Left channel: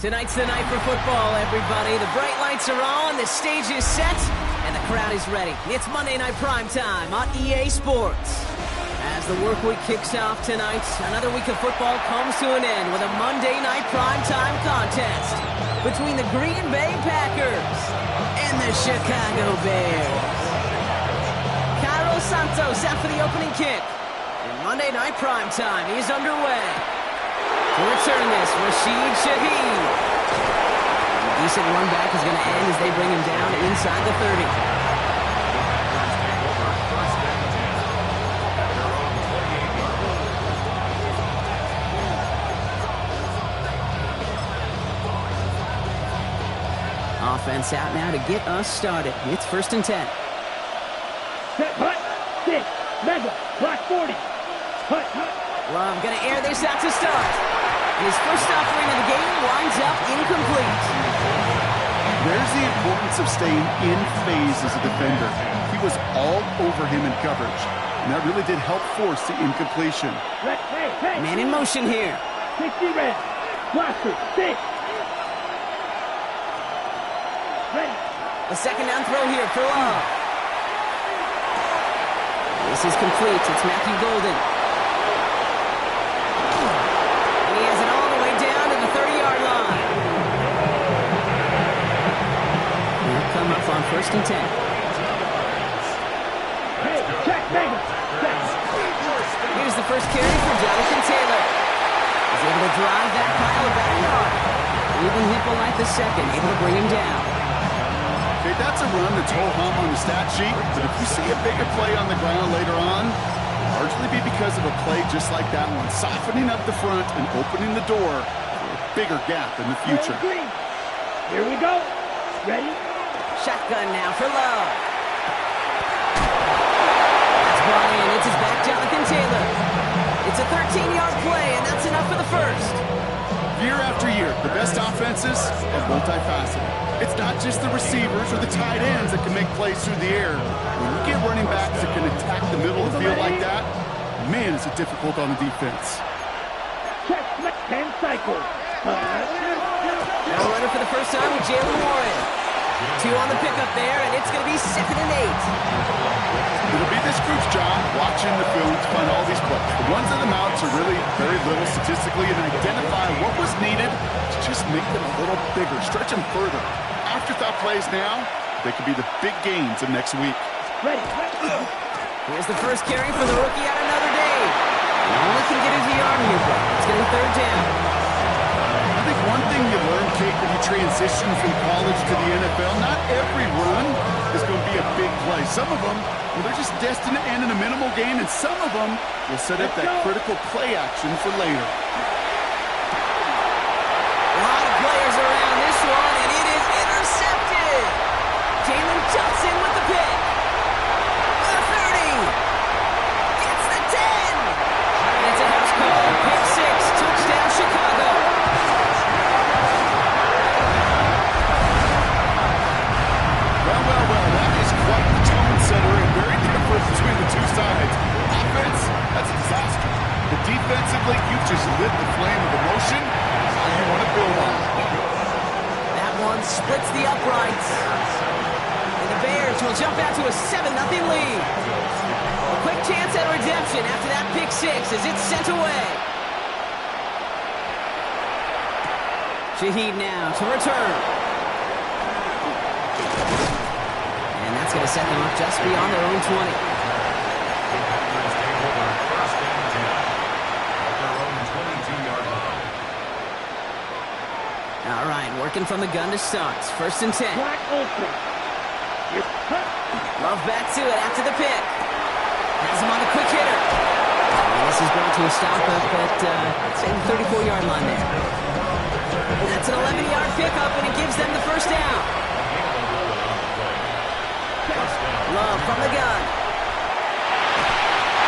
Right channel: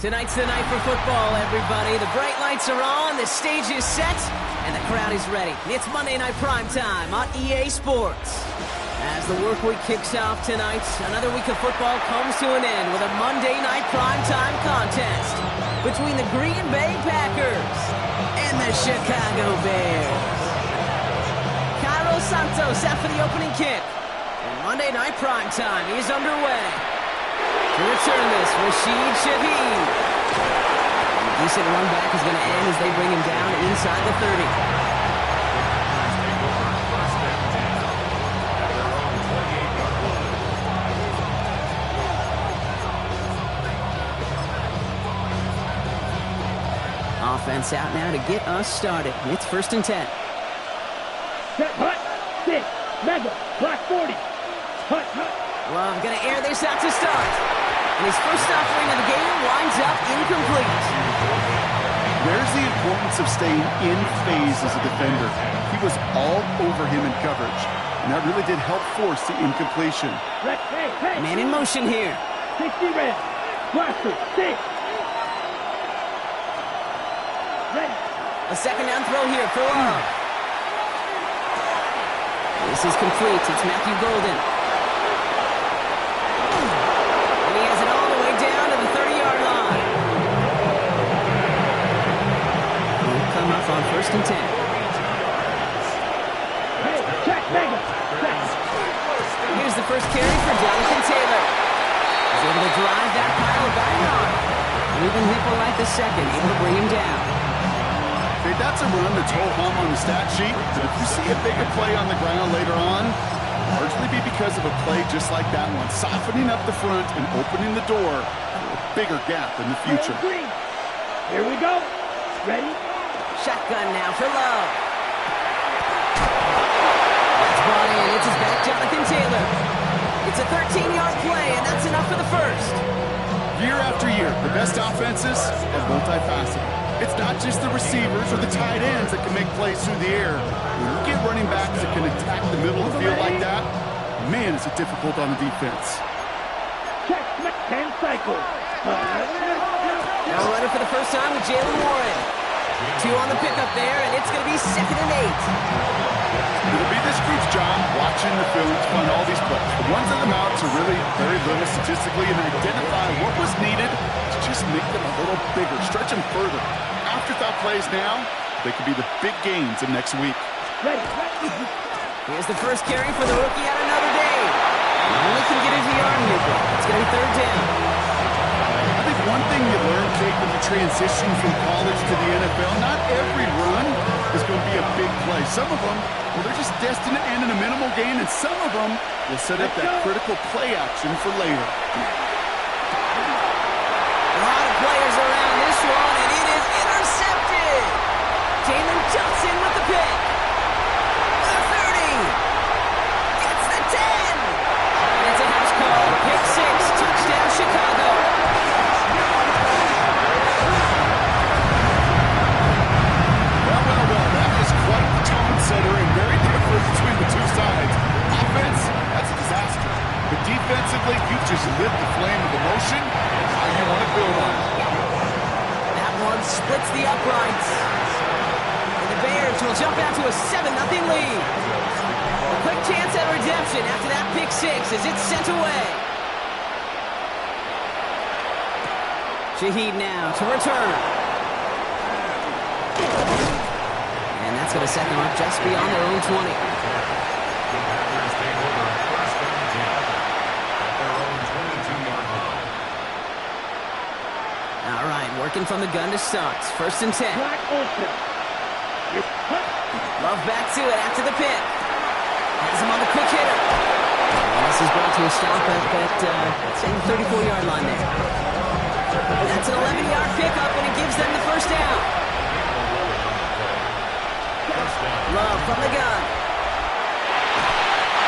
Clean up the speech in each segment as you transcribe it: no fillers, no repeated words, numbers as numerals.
Tonight's the night for football, everybody. The bright lights are on, the stage is set, and the crowd is ready. It's Monday Night Primetime on EA Sports. As the work week kicks off tonight, another week of football comes to an end with a Monday Night Primetime contest between the Green Bay Packers and the Chicago Bears. Cairo Santos out for the opening kick, and Monday Night Primetime is underway. To return this, Rashid Shaheed. And the decent run back is going to end as they bring him down inside the 30. Offense out now to get us started. It's 1st and 10. Set, hut, 6, mega, block 40. Hut, hut. Love going to air this out to start. And his first offering of the game winds up incomplete. There's the importance of staying in phase as a defender. He was all over him in coverage, and that really did help force the incompletion. Hey. Man in motion here. 60 red. Blocker, 6. Ready. A second down throw here for Love. This is complete. It's Matthew Golden. And he has it all the way down to the 30-yard line. He'll come up on 1st and 10. Hey, check, mega. Here's the first carry for Jonathan Taylor. He's able to drive that pile back yard. Ruben Hipp will light the second, able to bring him down. Okay, that's a run that's ho-hum on the stat sheet, but if you see a bigger play on the ground later on, it'll largely be because of a play just like that one, softening up the front and opening the door for a bigger gap in the future. Here we go. Ready? Shotgun now for Love. That's brought in. It's his back, Jonathan Taylor. It's a 13-yard play, and that's enough for the first. Year after year, the best offenses are multifaceted. It's not just the receivers or the tight ends that can make plays through the air. When you get running backs that can attack the middle of the field like that, man, is it difficult on the defense. Check, 10 cycles. Now running for the first time with Jalen Warren. 2 on the pickup there, and it's going to be 2nd and 8. It'll be this group's job watching the film to find all these plays. The ones that amount to really very little statistically and identify what was needed to just make them a little bigger, stretch them further. Afterthought plays now, they could be the big gains of next week. Ready. Here's the first carry for the rookie out of Notre Dame. And only can get his arm here, bro. It's going to be 3rd down. I think one thing you learn, Kate, when you transition from college to the NFL, not every run is going to be a big play. Some of them, well, they're just destined to end in a minimal gain, and some of them will set up that critical play action for later. A lot of players around this one, and it is intercepted. Jalen Johnson with the pick. The 30. Gets the 10. And it's a house call. Pick 6. Touchdown, Chicago. Well, that is quite the tone setter and very different between the two sides. Offense, that's a disaster. But defensively, you've just lit the flame of emotion. How you want to build on it. That one splits the uprights. And the Bears will jump out to a 7-0 lead. A quick chance at redemption after that pick 6 as it's sent away. Shaheed now to return. And that's going to set them up just beyond their own 20. All right, working from the gun to start. 1st and 10. Love back to it after the pick. Has him on the quick hitter. And this is brought to a stop up at, let's say, the 34-yard line there. That's an 11-yard pickup, and it gives them the first down. Love from the gun.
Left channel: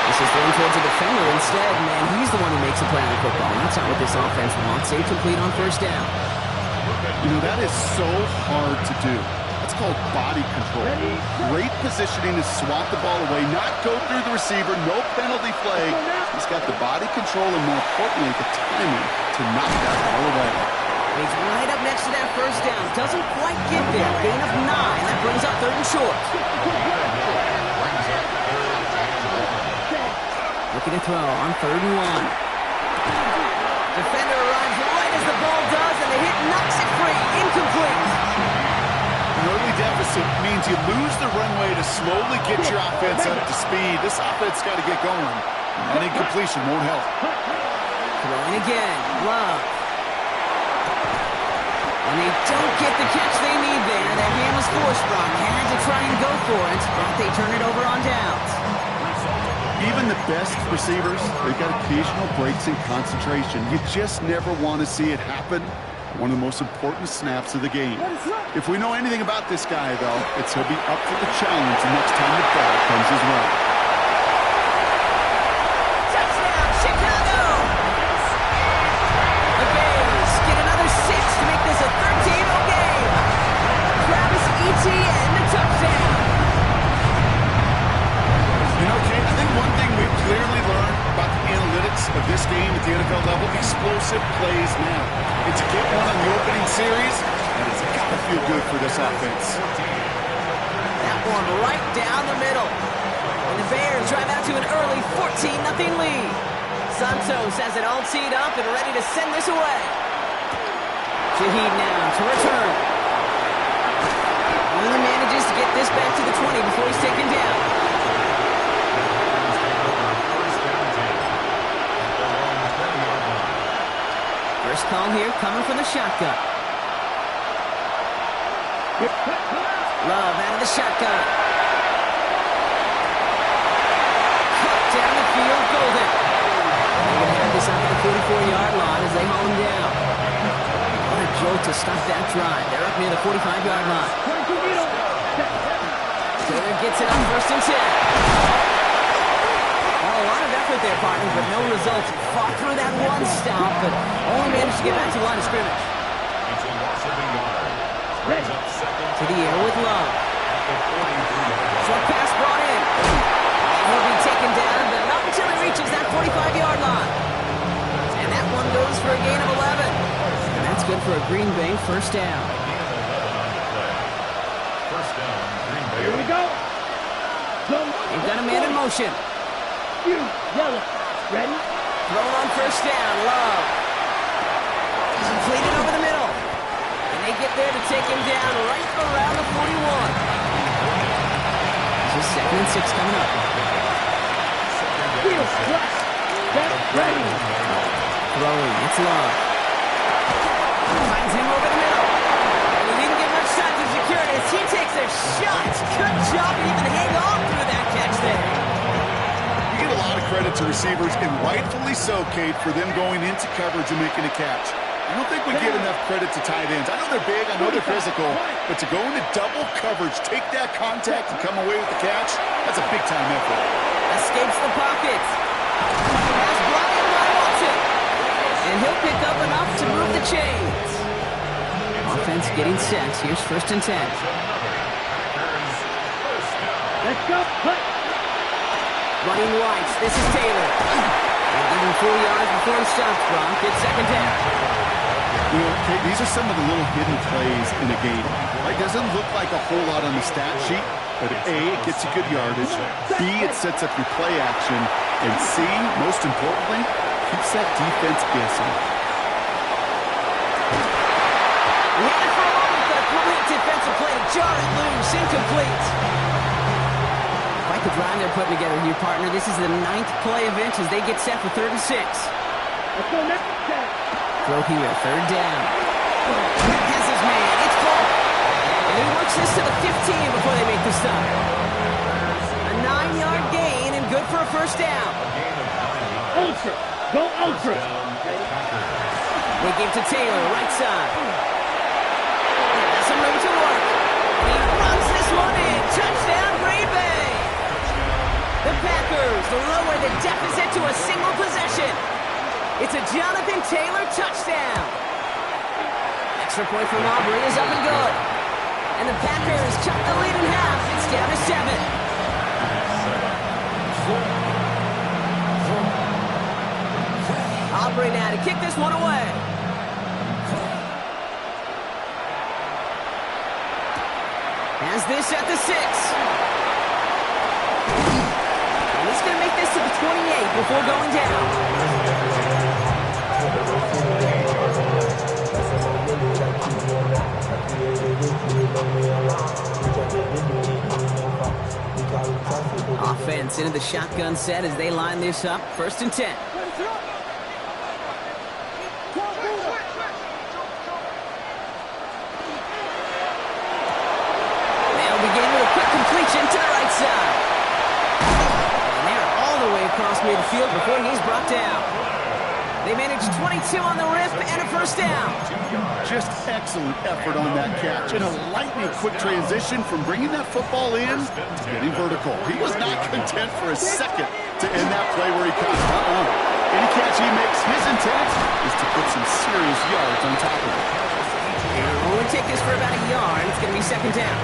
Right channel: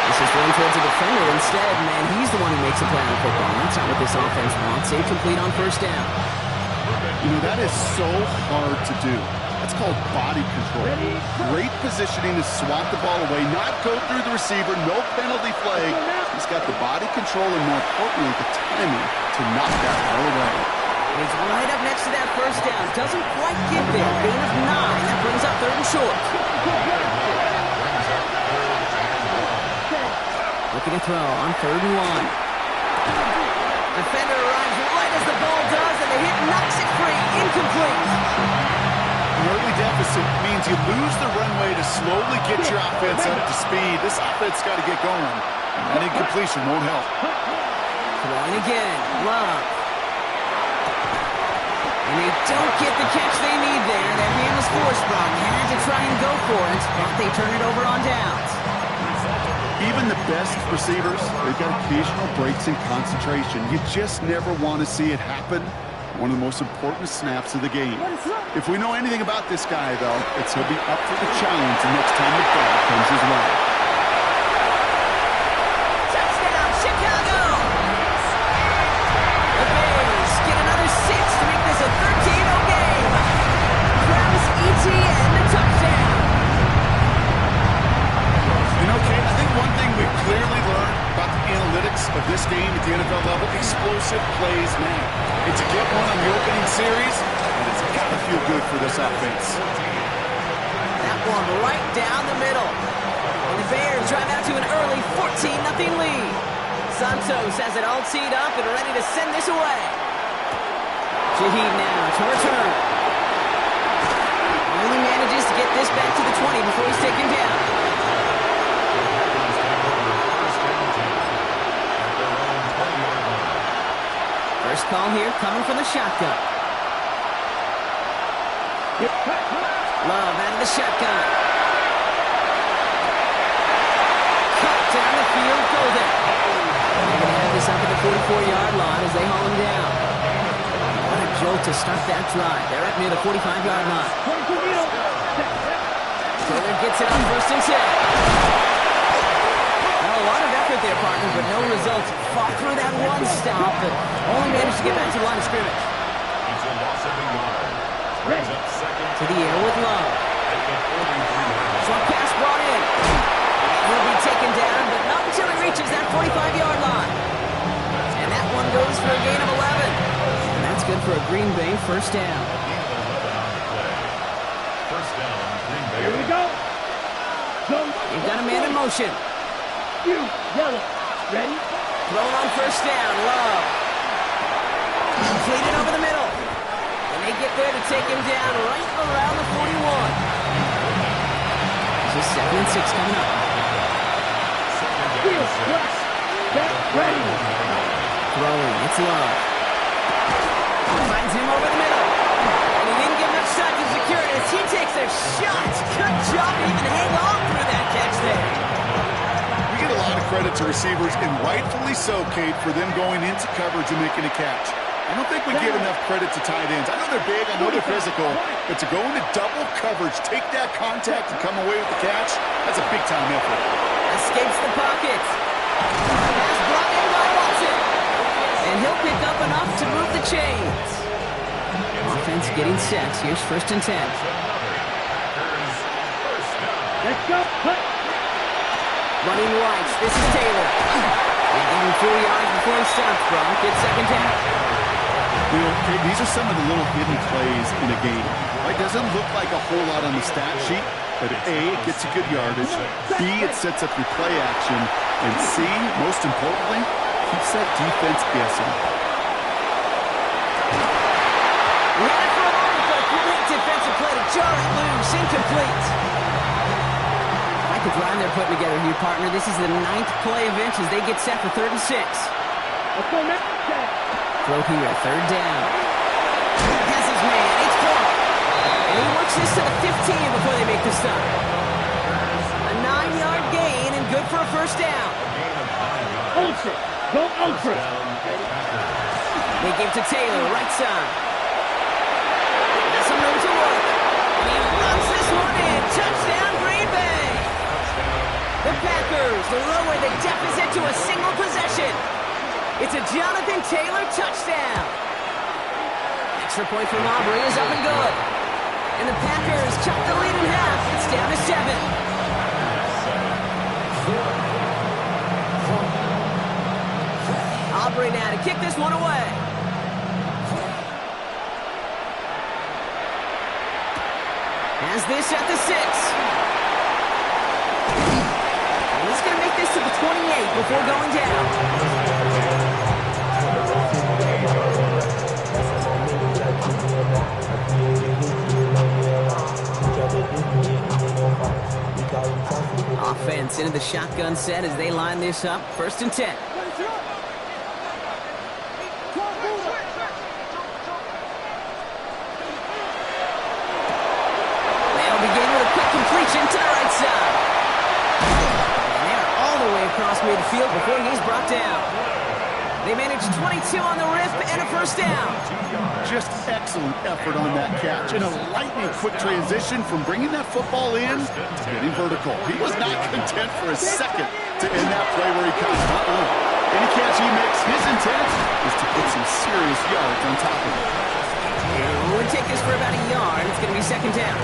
This is thrown towards a defender instead, man. He's the one who makes a play on the football. That's not what this offense wants. Incomplete on 1st down. You know, that is so hard to do. That's called body control. Great positioning to swat the ball away, not go through the receiver, no penalty flag. He's got the body control and, more importantly, the timing to knock that ball away. He's right up next to that first down. Doesn't quite get there. Gain of 9. That brings up 3rd and short. Looking to throw on 3rd and 1. Defender arrives right as the ball does, and the hit knocks it free. Incomplete. An early deficit means you lose the runway to slowly get your offense up to speed. This offense got to get going. An incompletion won't help. Throwing again. Love. And they don't get the catch they need there. Their hand was forced. Brock had to try and go for it, but they turn it over on downs. Even the best receivers, they've got occasional breaks in concentration. You just never want to see it happen. One of the most important snaps of the game. If we know anything about this guy, though, it's he'll be up for the challenge the next time the ball comes his way. Touchdown, Chicago! The Bears get another 6 to make this a 13-0 game. Travis Etienne, the touchdown. You know, Kate, I think one thing we've clearly learned about the analytics of this game at the NFL level, explosive plays matter. And to get one on the opening series, that has got to feel good for this offense. That one right down the middle. And the Bears drive out to an early 14-0 lead. Santos has it all teed up and ready to send this away. Shaheed now to return. Only manages to get this back to the 20 before he's taken down. First call here coming from the shotgun. Love out of the shotgun. Cut down the field, Golden. They're going to have this up at the 44-yard line as they haul him down. What a jolt to start that drive. They're up near the 45-yard line. Taylor gets it on 1st and 10. Well, a lot of effort there, partner, but no results. Fought through that one stop, but only managed to get back to the line of scrimmage. It's a loss of a yard. Brings up 2nd to the air with Love. Short pass brought in. And he'll be taken down, but not until he reaches that 45-yard line. And that one goes for a gain of 11. And that's good for a Green Bay first down. A gain of 11 on the play. First down, Green Bay. Here we go. They've got a man in motion. Yellow. Ready? Thrown on 1st down. Love. Completed over the middle. And they get there to take him down right around the 41. This is 2nd and 6 coming up. Field flash. Get ready. Throwing. It's Love. Finds him over the middle. And he didn't get much time to secure it as he takes a shot. Good job to even hang on through that catch there. We get a lot of credit to receivers, and rightfully so, Kate, for them going into coverage and making a catch. I don't think we give enough credit to tight ends. I know they're big, I know they're physical, but to go into double coverage, take that contact, and come away with the catch, that's a big-time effort. Escapes the pocket. Pass brought in by Watson. And he'll pick up enough to move the chains. Offense getting set. Here's 1st and 10. Let's go. Cut. Running right. This is Taylor. And even 4 yards before he stops, Brock. It's 2nd down. You know, Kate, these are some of the little hidden plays in a game. It doesn't look like a whole lot on the stat sheet, but A, it gets you good yardage, B, it sets up your play action, and C, most importantly, keeps that defense guessing. We had it for a moment, but a great defensive play to jar it loose. Incomplete. Quite the drive they're putting together here, partner. This is the 9th play of inch as they get set for 3rd and 6. Let's go next. Throw here, 3rd down. Has his man. It's Paul. And he works this to the 15 before they make the stop. A 9-yard gain and good for a first down. Ultra. Go ultra. They give to Taylor, right side. Has some room to work. And he runs this one in. Touchdown, Green Bay. The Packers lower the deficit to a single possession. It's a Jonathan Taylor touchdown. Extra point from Aubrey is up and good. And the Packers cut the lead in half. It's down to 7. Aubrey now to kick this one away. Has this at the 6. And he's going to make this to the 28 before going down. Offense into the shotgun set as they line this up. 1st and 10. They'll begin with a quick completion to the right side. And they're all the way across midfield before he's brought down. They managed 22 on the rip and a 1st down. Just excellent effort on that catch. And a lightning quick transition from bringing that football in to getting vertical. He was not content for a second to end that play where he caught it. Any catch he makes, his intent is to put some serious yards on top of it. And it'll only take this for about a yard. It's going to be 2nd down.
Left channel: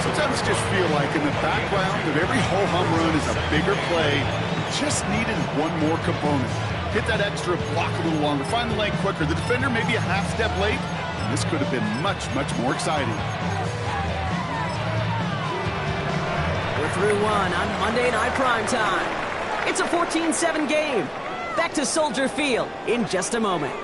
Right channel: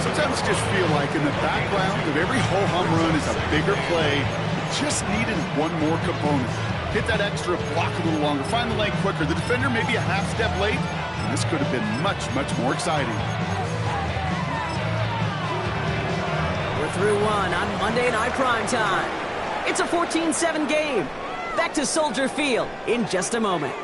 Sometimes I just feel like in the background of every ho-hum run is a bigger play. It just needed one more component. Hit that extra block a little longer, find the lane quicker. The defender maybe a half step late, and this could have been much, much more exciting. We're through one on Monday Night Primetime. It's a 14-7 game. Back to Soldier Field in just a moment.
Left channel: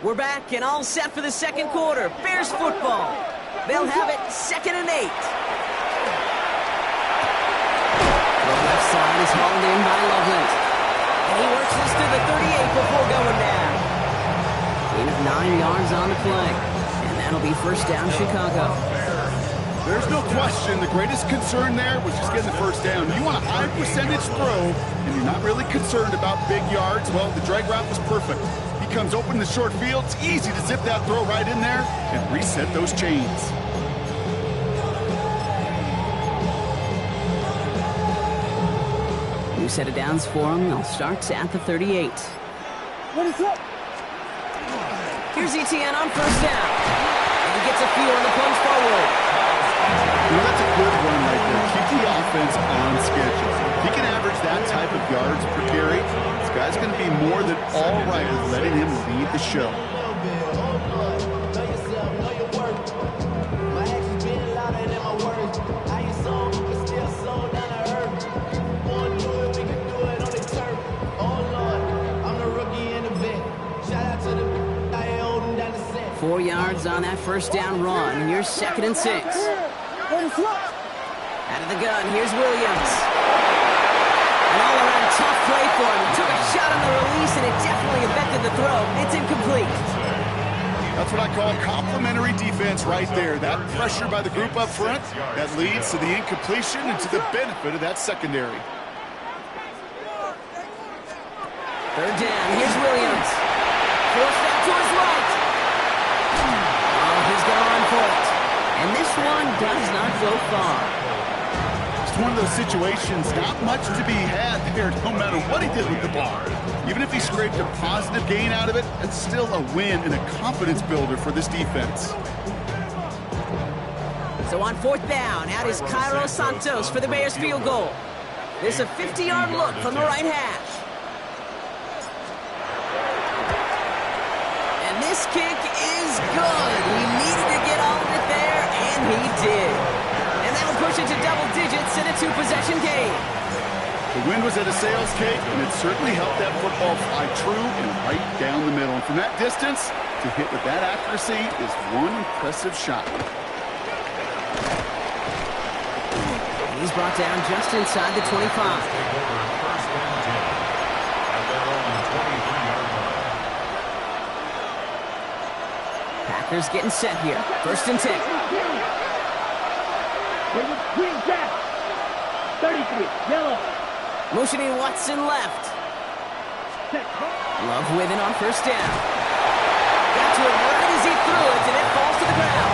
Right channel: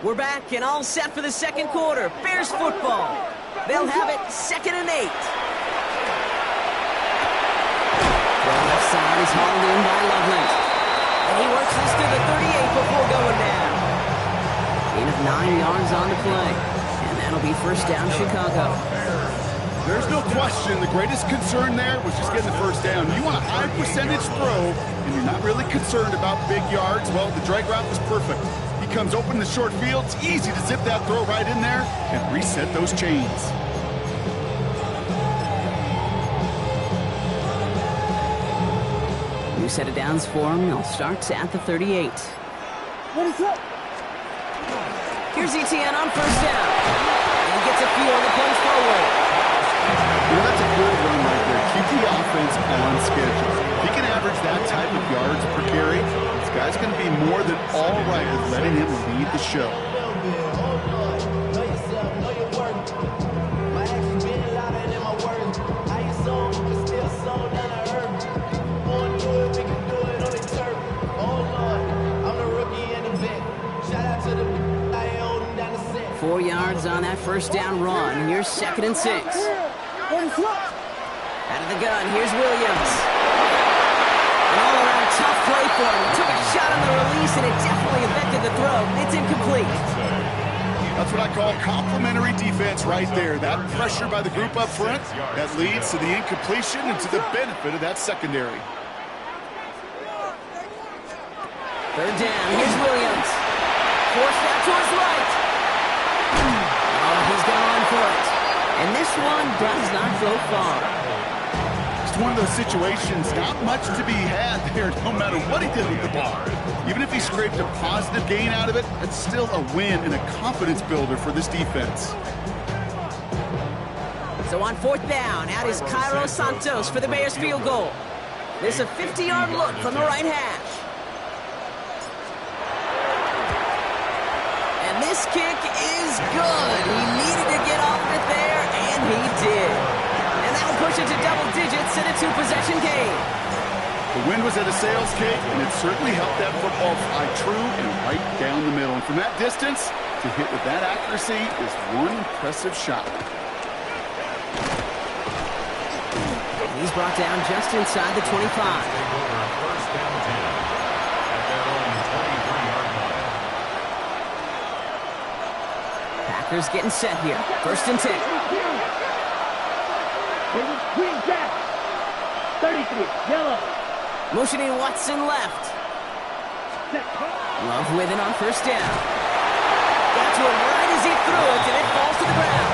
We're back and all set for the 2nd quarter. Bears football. They'll have it 2nd and 8. The left side is hauled in by Loveland. And he works this to the 38 before going down. Gain of 9 yards on the play. And that'll be 1st down Chicago. There's no question the greatest concern there was just getting the 1st down. You want a high percentage throw, and you're not really concerned about big yards. Well, the drag route was perfect. He comes open in the short field. It's easy to zip that throw right in there and reset those chains. New set of downs for him. They'll start at the 38. Here's ETN on 1st down. And he gets a few on the punch forward. You know, that's a good run right there. Keep the offense on schedule. If he can average that type of yards per carry, this guy's going to be more than all right with letting him lead the show. Shout out to the I holding down the set. 4 yards on that 1st down run. And here's 2nd and 6. Out of the gun, here's Williams. An all-around tough play for him. He took a shot on the release, and it definitely affected the throw. It's incomplete. That's what I call complimentary defense right there. That pressure by the group up front, that leads to the incompletion and to the benefit of that secondary. 3rd down, here's Williams. Forced out to his right. Oh, he's going to run for it. And this one does not go far. It's one of those situations, not much to be had there no matter what he did with the ball. Even if he scraped a positive gain out of it, it's still a win and a confidence builder for this defense. So on 4th down, out is Cairo Santos for the Bears field goal. There's a 50-yard look from the right hash. And this kick is good. He needed to get all of it there, and he did. And that'll push it to double digits in a 2-possession game. The wind was at a sales cake, and it certainly helped that football fly true and right down the middle. And from that distance, to hit with that accuracy is one impressive shot. And he's brought down just inside the 25. Take over 1st and 10 at their own 23-yard line. Packers getting set here. 1st and 10. Green jack. 33, yellow. Motioning Watson left. Love with it on 1st down. Got to him right as he threw it, and it falls to the ground.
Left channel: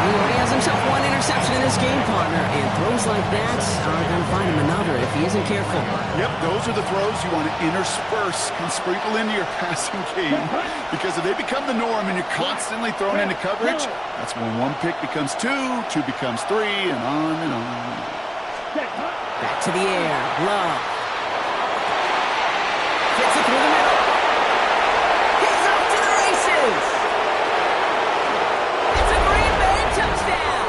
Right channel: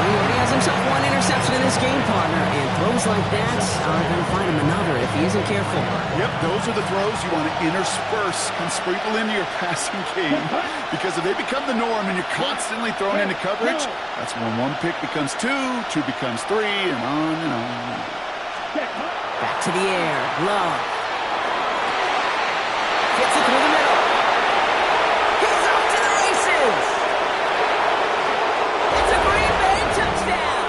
Well, he already has himself one interception in this game, partner, and throws like that are going to find him another if he isn't careful. Yep, those are the throws you want to intersperse and sprinkle into your passing game, because if they become the norm and you're constantly thrown into coverage, that's when one pick becomes two becomes three, and on and on. Back to the air. Love. Gets it through the middle. He's off to the races. It's a Green Bay touchdown.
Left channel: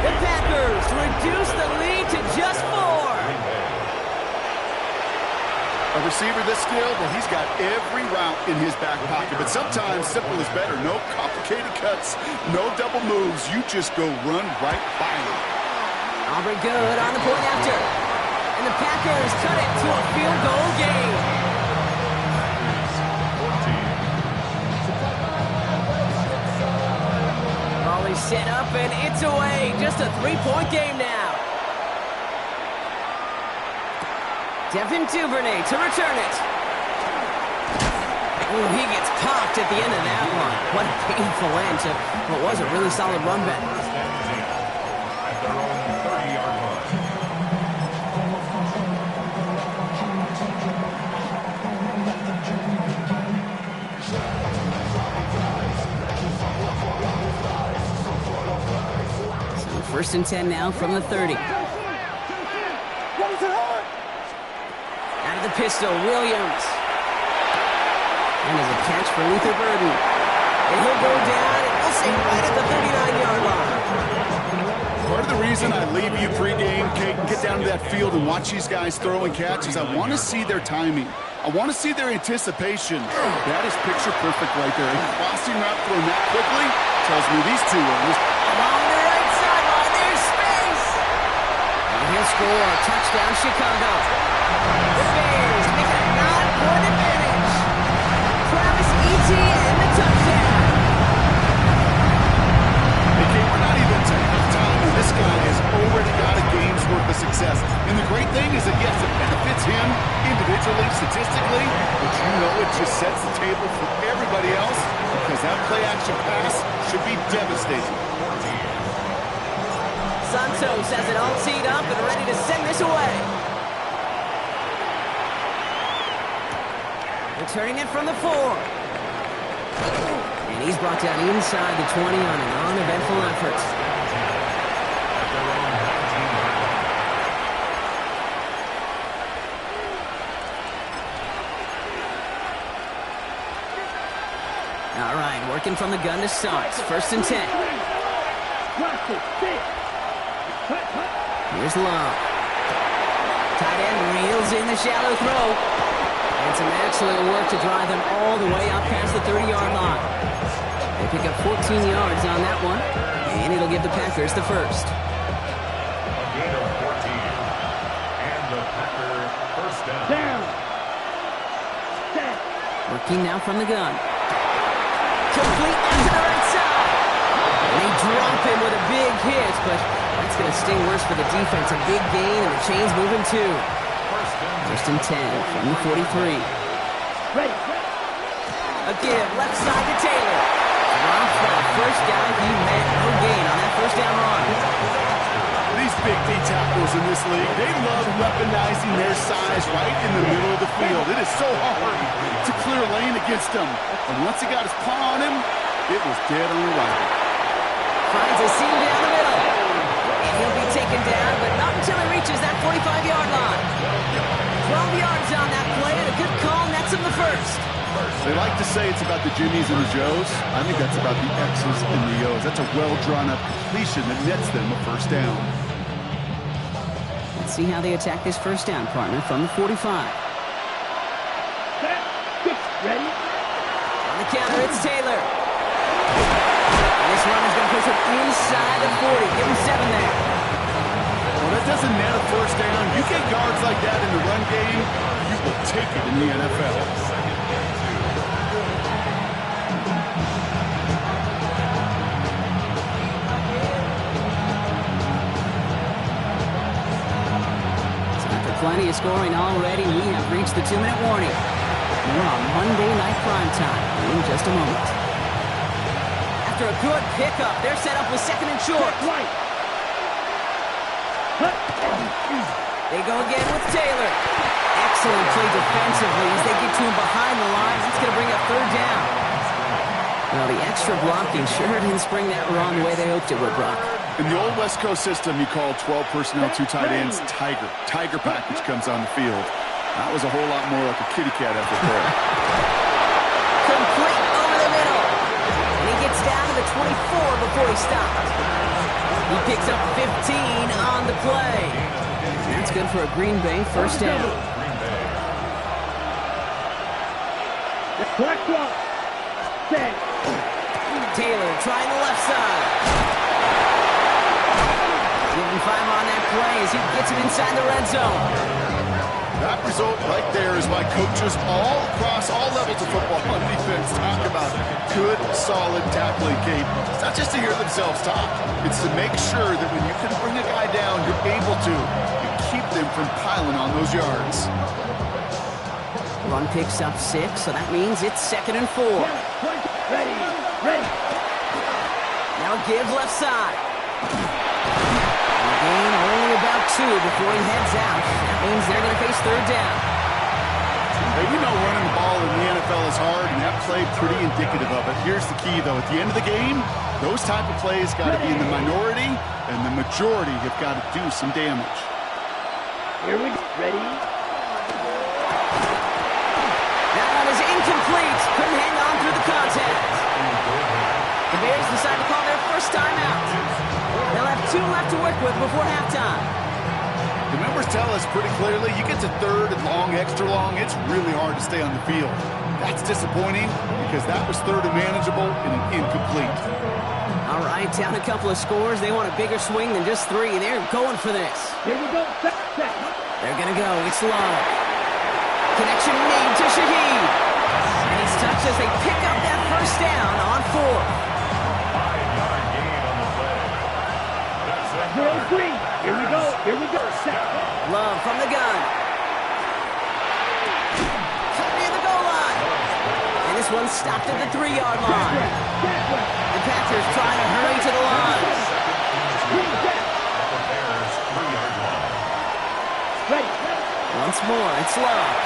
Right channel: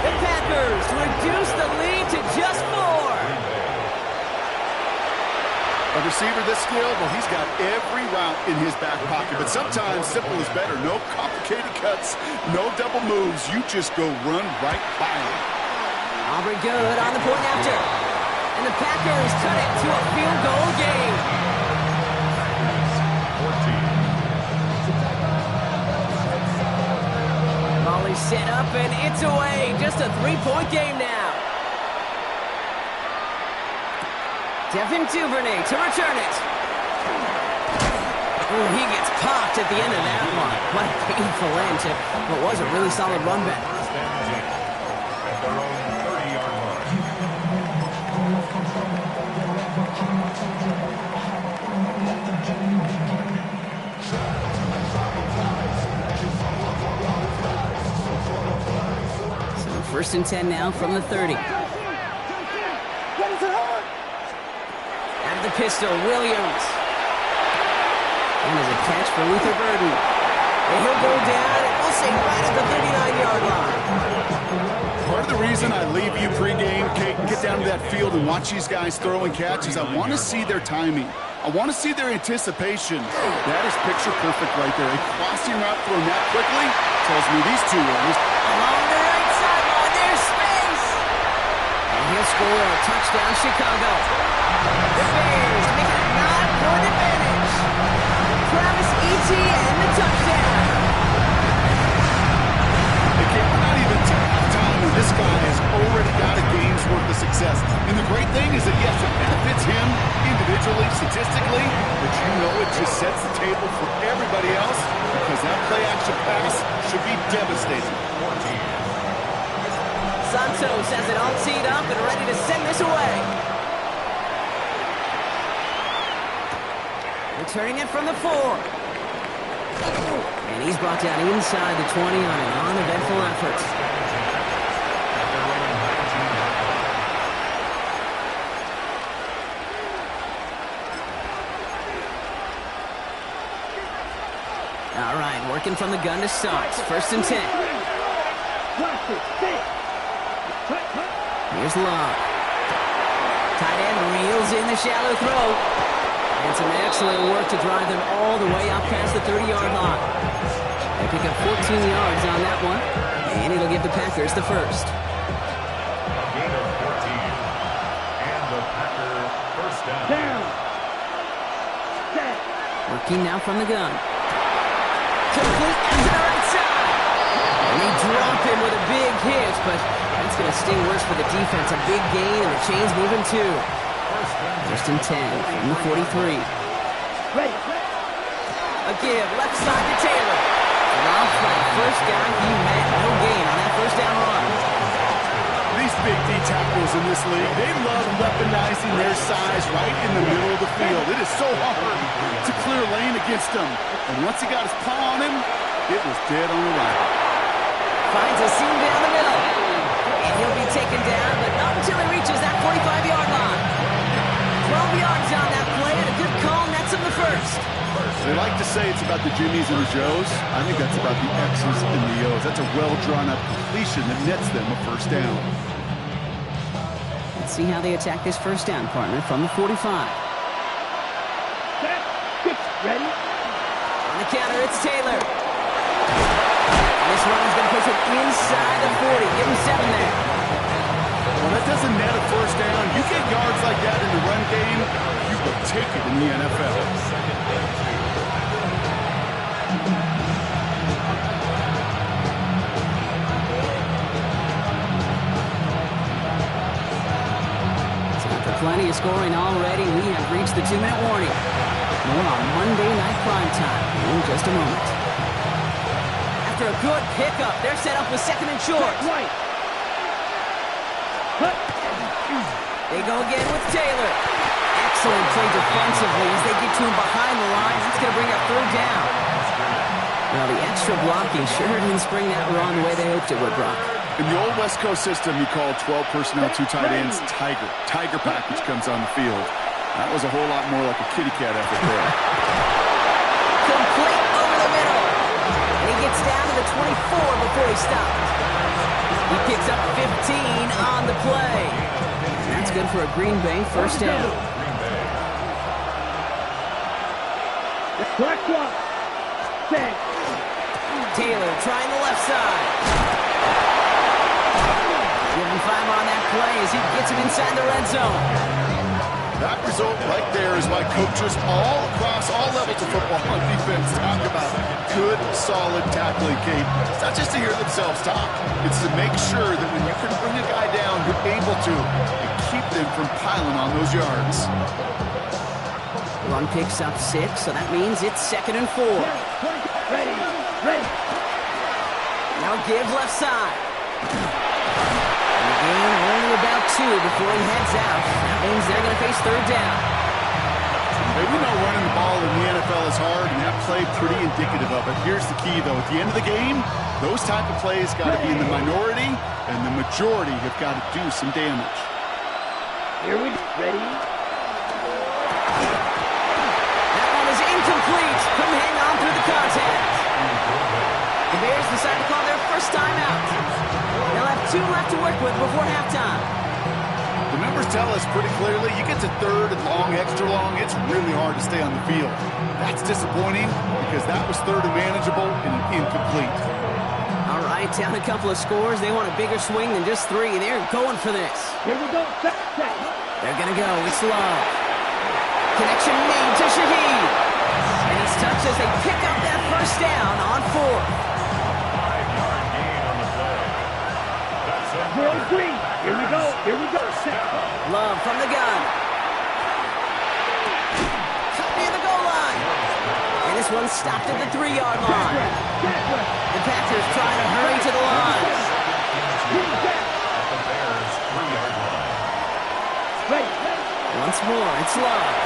The Packers reduce the lead to just 4. A receiver this skilled, well, he's got every route in his back pocket, but sometimes simple is better. No complicated cuts, no double moves. You just go run right by him. Aubrey good on the point after. And the Packers cut it to a field goal game. 14. Ball is set up and it's away. Just a 3-point game now. Devin Duvernay to return it. Oh, he gets popped at the end of that one. What a painful end to what was a really solid run back. First and 10 at their own 30-yard line. So first and 10 now from the 30. Out of the pistol, Williams. And there's a catch for Luther Burden. And he'll go down, and we'll say right at the 39-yard line. Part of the reason I leave you pregame, Kate, and get down to that field and watch these guys throw and catch is I want to see their timing. I want to see their anticipation. That is picture perfect right there. A crossing route thrown that quickly tells me these two are along the right sideline, there's space. And he'll score a touchdown, Chicago. The Bears make it a 9-point advantage. Travis Etienne, the touchdown. Okay, we're not even to halftime, and this guy has already got a game's worth of success. And the great thing is that, yes, it benefits him individually, statistically, but you know it just sets the table for everybody else because that play-action pass should be devastating. 14. Santos has it all teed up and ready to send this away. Returning it from the 4. And he's brought down inside the 20 on an uneventful effort. At their own 19-yard line. All right, working from the gun to start. First and 10. Here's Love. Tight end reels in the shallow throw. And some excellent work to drive them all the way up past the 30-yard line. They pick up 14 yards on that one, and it'll give the Packers the first. A gain of 14. And the Packer first down. Working now from the gun. Complete out to the right side. And they drop him with a big hit, but that's going to sting worse for the defense. A big gain, and the chain's moving too. First and 10 from the 43. A give, left side to Taylor. Drops by the first guy he met. No gain on that first down run. These big D tackles in this league, they love weaponizing their size right in the middle of the field. It is so hard to clear lane against them. And once he got his paw on him, it was dead on arrival. Finds a seam down the middle. And he'll be taken down, but not until he reaches that 45-yard line. 12 yards on that play, and a good call nets him the first. They like to say it's about the Jimmies and the Joes. I think that's about the X's and the O's. That's a well-drawn-up completion that nets them a first down. Let's see how they attack this first down, partner, from the 45. Ready? On the counter, it's Taylor. And this run is going to push him inside the 40. Give him 7 there. Well, that doesn't net a first down. You get yards like that in the run game, you will take it in the NFL. Second and 2. So after plenty of scoring already, we have reached the 2-minute warning. More on Monday Night Primetime in just a moment. after a good pickup. They're set up with second and short. Right. Hut. They go again with Taylor. Excellent play defensively as they get to him behind the line. That's going to bring up third down. Well, the extra blocking sure didn't spring that run the way they hoped it would, Brock. In the old West Coast system, you call 12 personnel, 2 tight ends, Tiger. Tiger package comes on the field. That was a whole lot more like a kitty cat effort there. Complete over the middle. And he gets down to the 24 before he stopped. He picks up 15 on the play. That's good for a Green Bay first down. Black block. Set. Taylor trying the left side. Give him 5 on that play as he gets him inside the red zone. That result right there is why coaches all across all levels of football on defense talk about good, solid tackling, Kate. It's not just to hear themselves talk. It's to make sure that when you can bring a guy down, you're able to and keep them from piling on those yards. Run picks up 6, so that means it's 2nd and 4. Ready. Ready. Now give left side. Gain only about 2 before he heads out. That means they're going to face third down. Hey, we know running the ball in the NFL is hard, and that play pretty indicative of it. Here's the key, though. At the end of the game, those type of plays got to be in the minority, and the majority have got to do some damage. Here we go. Ready. That one is incomplete. Couldn't hang on through the contact. The Bears decide to call their first timeout. They'll have 2 left to work with before halftime. The numbers tell us pretty clearly, you get to third and long, extra long, it's really hard to stay on the field. That's disappointing because that was third and manageable and an incomplete. All right, down a couple of scores. They want a bigger swing than just 3. They're going for this. Here we go. Set. They're going to go. It's Love. Connection made to Shaheed. And he's touched as they pick up that first down on 4th. 5-yard gain on the play. That's a 4-3. Here we go. Here we go. Set. Love from the gun. Cut near the goal line. And this one stopped at the 3-yard line. The Packers trying to hurry to the line. the Bears' 3-yard line. Ready. Once more, it's Love.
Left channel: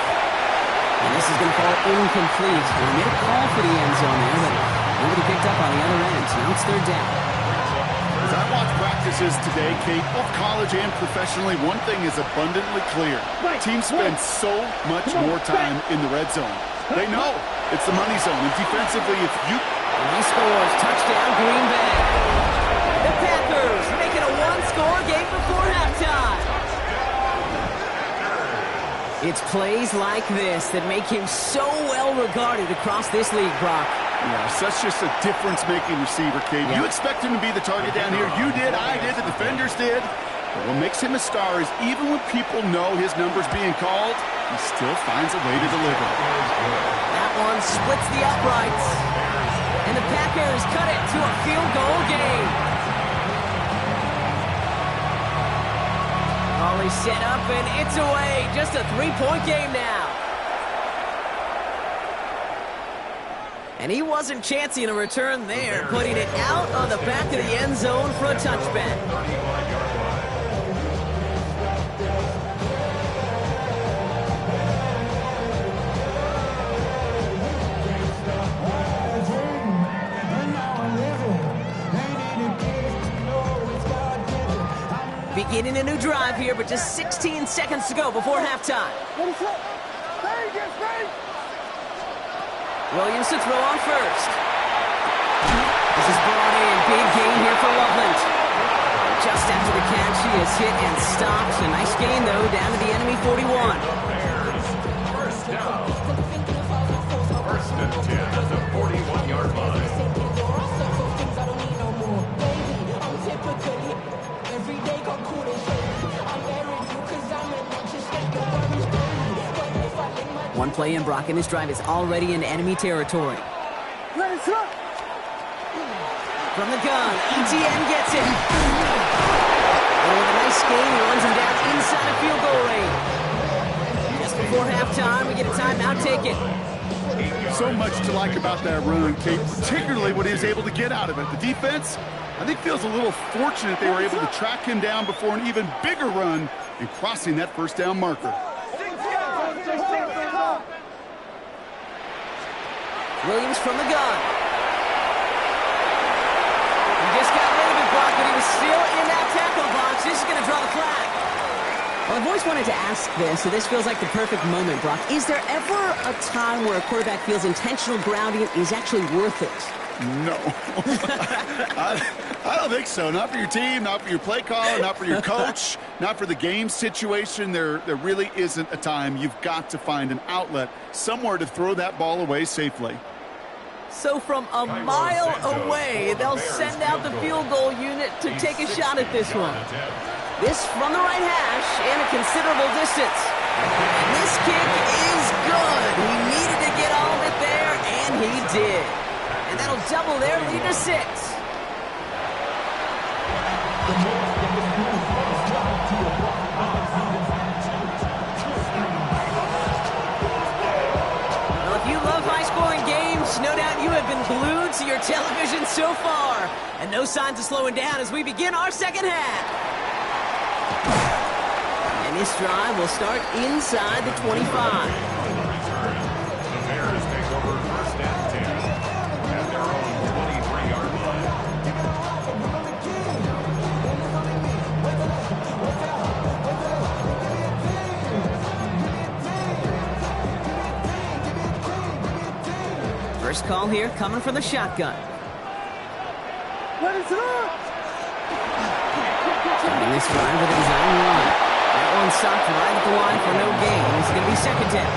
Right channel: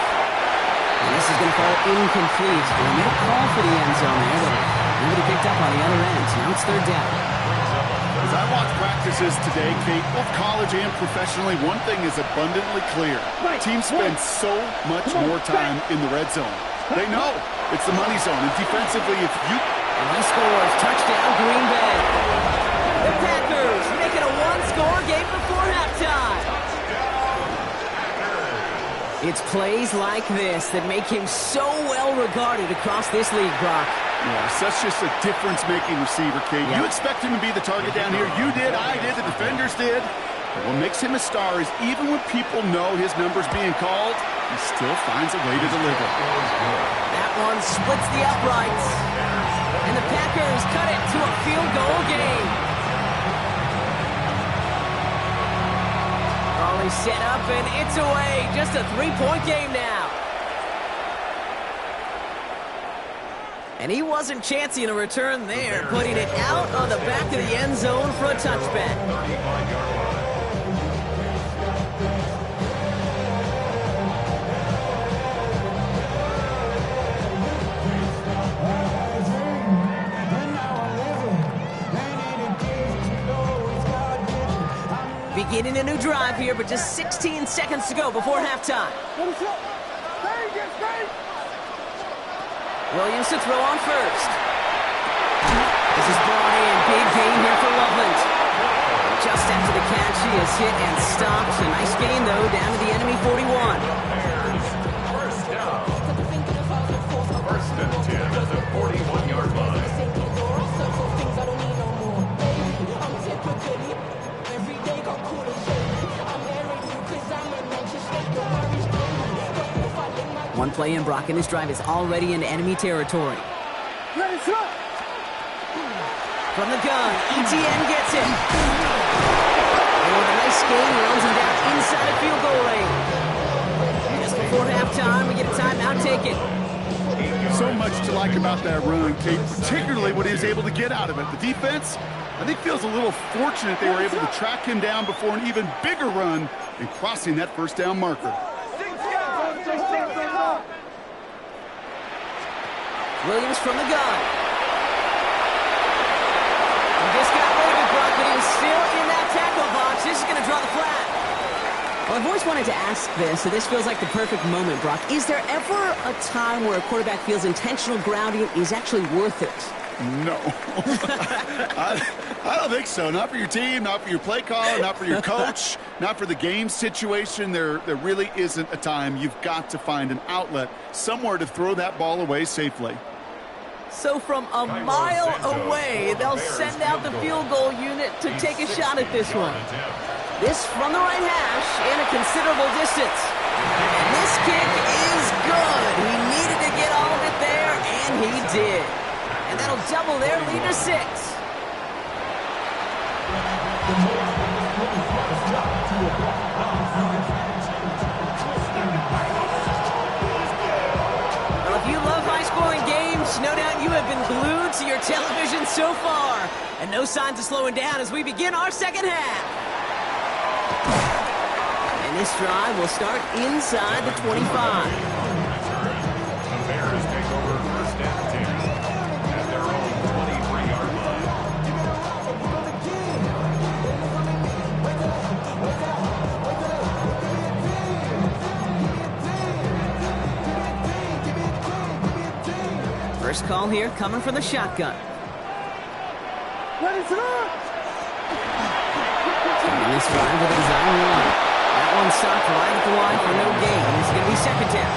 And this is going to fall incomplete. They made a call for the end zone there, but nobody picked up on the other end. Now it's third down. As I watch practices today, Kate, both college and professionally, one thing is abundantly clear. Teams spend so much more time in the red zone. They know it's the money zone, and defensively, if you... And he scores. Touchdown, Green Bay. The Packers making a 1-score game before halftime. It's plays like this that make him so well regarded across this league, Brock. Yeah, such just a difference-making receiver, Kate. Yep. You expect him to be the target down here. You did, I did, the defenders did. But what makes him a star is even when people know his number's being called, he still finds a way to deliver. That one splits the uprights. And the Packers cut it to a field goal game. Volley set up, and it's away. Just a 3-point game now. And he wasn't chancing a return there, putting it out on the back of the end zone for a touchback. 35-yard line. Beginning a new drive here, but just 16 seconds to go before halftime. Williams to throw on first. This is brought in. Big gain here for Loveland. Just after the catch, he is hit and stopped. A nice gain, though, down to the enemy 41. First down. First and 10 at the 41-yard line. One play in, Brock, and this drive is already into enemy territory. From the gun, ETN gets it. And with a nice gain, he runs him down inside of field goal range. Just before halftime, we get a timeout taken. So much to like about that run, Kate, particularly what he was able to get out of it. The defense, I think, feels a little fortunate they were able to track him down before an even bigger run and crossing that first down marker. Williams from the gun. He just got rid of it, Brock, but he was still in that tackle box. This is going to draw the flag. Well, I've always wanted to ask this, so this feels like the perfect moment, Brock. Is there ever a time where a quarterback feels intentional grounding is actually worth it? No. I don't think so. Not for your team, not for your play caller, not for your coach, not for the game situation. There really isn't a time. You've got to find an outlet, somewhere to throw that ball away safely. So from a mile away, they'll send out the field goal unit to take a shot at this one. This from the right hash and a considerable distance. And this kick is good. He needed to get all of it there, and he did. And that'll double their lead to 6. Well, if you love high-scoring games, no doubt you have been glued to your television so far. And no signs of slowing down as we begin our second half. And this drive will start inside the 25. The Bears take over first and 10 at their own 23-yard line. First call here coming from the shotgun. Starting this drive with a design run. That one stopped right at the line for no gain. It's going to be second down.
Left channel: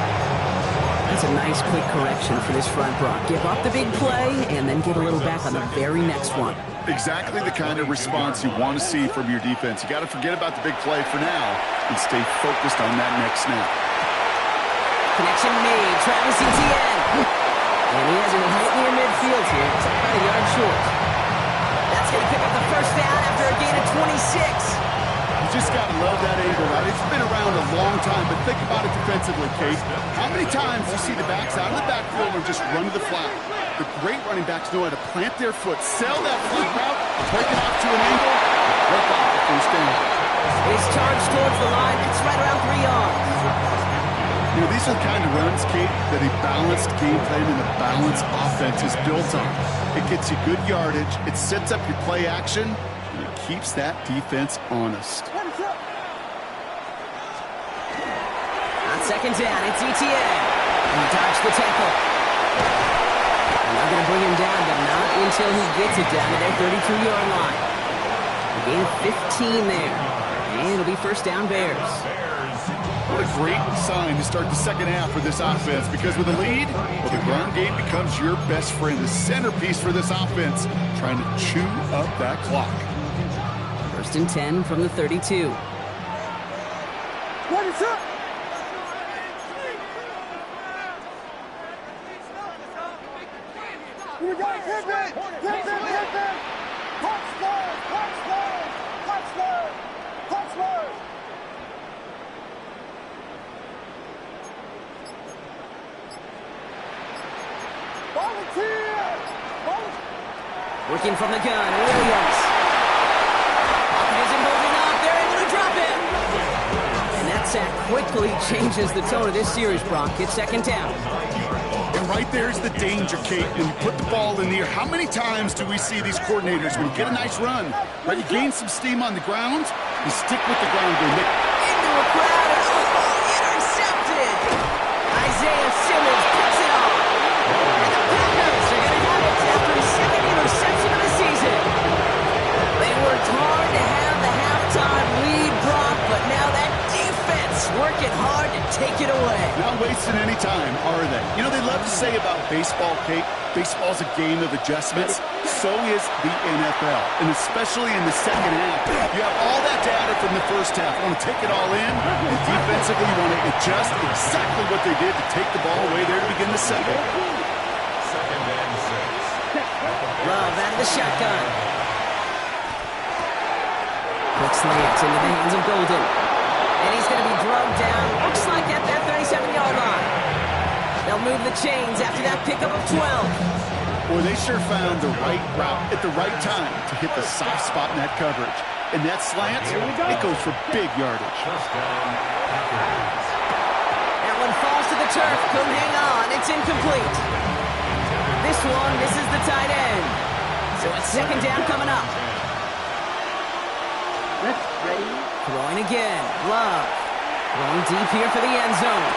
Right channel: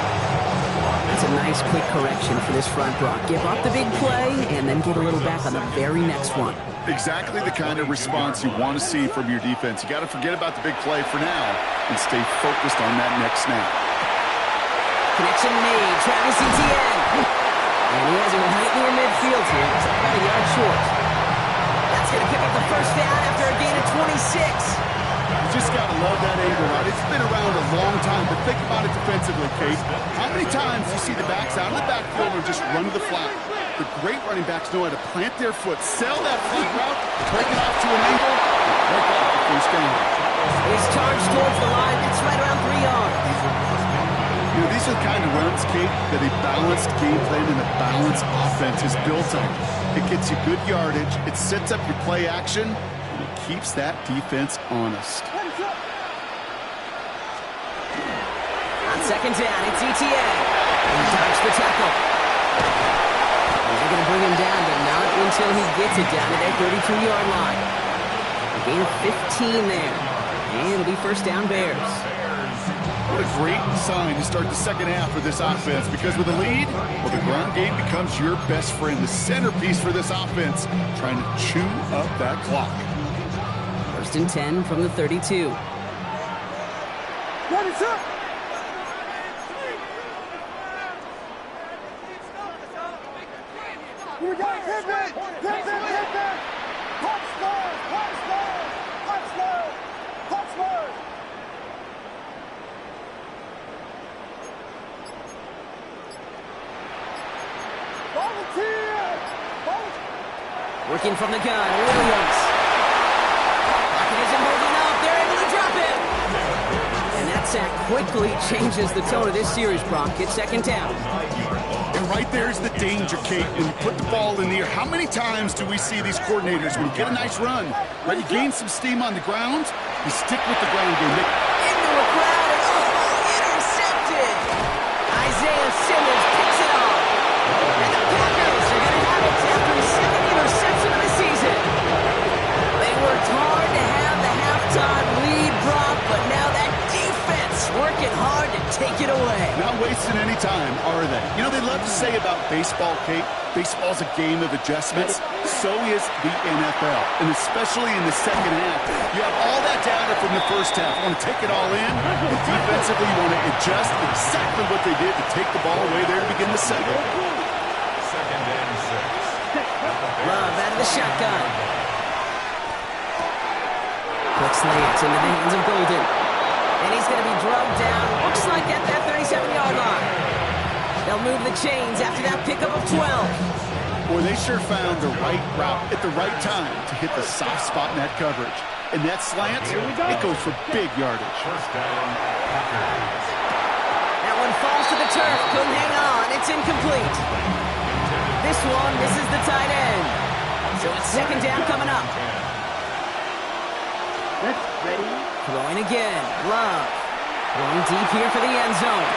That's a nice quick correction for this front, Brock. Give up the big play and then get a little back on the very next one. Exactly the kind of response you want to see from your defense. You got to forget about the big play for now and stay focused on that next snap. Connection made. Travis Etienne. And he has it right near midfield here. It's about a yard short. That's going to pick up the first down after a gain of 26. You just got to love that angle, right? It's been around a long time, but think about it defensively, Kate. How many times do you see the backs out of the backfield or just run to the flat? The great running backs know how to plant their foot, sell that flat route, break it off to an angle, and break off the first down. He's charged towards the line. It's right around 3 yards. You know, these are the kind of runs, Kate, that a balanced game plan and a balanced offense is built on. It gets you good yardage, it sets up your play action, and it keeps that defense honest. On second down, it's Etienne. He dodged the tackle. And they're going to bring him down, but not until he gets it down to their 32-yard line. A gain of 15 there. And it'll be first down Bears. What a great sign to start the second half for this offense, because with a lead, well, the ground game becomes your best friend, the centerpiece for this offense, trying to chew up that clock. First and 10 from the 32. What is up? Here we go. Hit them. Punch Lord. Volunteer. Working from the gun, Williams. Pocket isn't holding up. They're able to drop him. And that sack quickly changes the tone of this series, Brock. It's second down. And right there's the danger, Kate, when you put the ball in the air. How many times do we see these coordinators, when you get a nice run, right, you gain some steam on the ground, you stick with the ground game. Into a crowd, and intercepted! Isaiah Simmons picks it off. And the Packers are going to have it after his second interception of the season. They worked hard to have the halftime lead, Brock, but now that defense working hard to take it away. Not wasting any time, are they? You know, they love to say about baseball, Kate, baseball's a game of adjustments. So is the NFL, and especially in the second half. You have all that data from the first half. You want to take it all in, and defensively you want to adjust exactly what they did to take the ball away there to begin the second. Second and 6. Love out of the shotgun. Quick slants into the hands of Golden. And he's going to be drugged down, looks like at that 37-yard line. They'll move the chains after that pickup of 12. Boy, they sure found the right route at the right time to hit the soft spot in that coverage. And that slant, it goes for big yardage. First down, Packers. That one falls to the turf. Couldn't hang on. It's incomplete. This one misses the tight end. So it's second down coming up. Let's ready. Throwing again. Love. Throwing deep here for the end zone.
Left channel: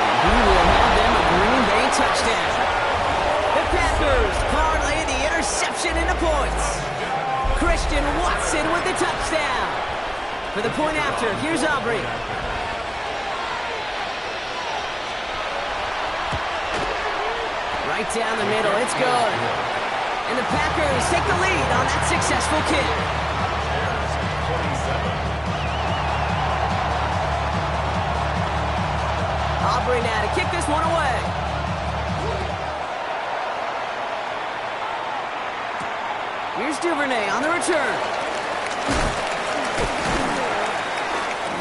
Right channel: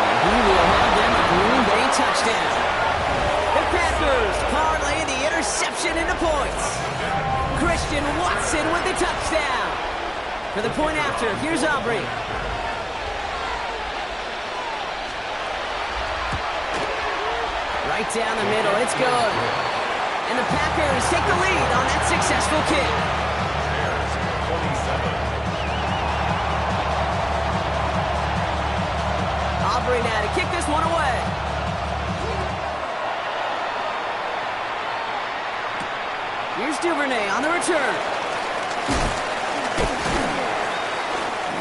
And he will have them a Green Bay touchdown. The Packers parlay the interception into points. Christian Watson with the touchdown. For the point after, here's Aubrey. Right down the middle, it's good. And the Packers take the lead on that successful kick. Bears 27. Aubrey now to kick this one away. Here's Duvernay on the return.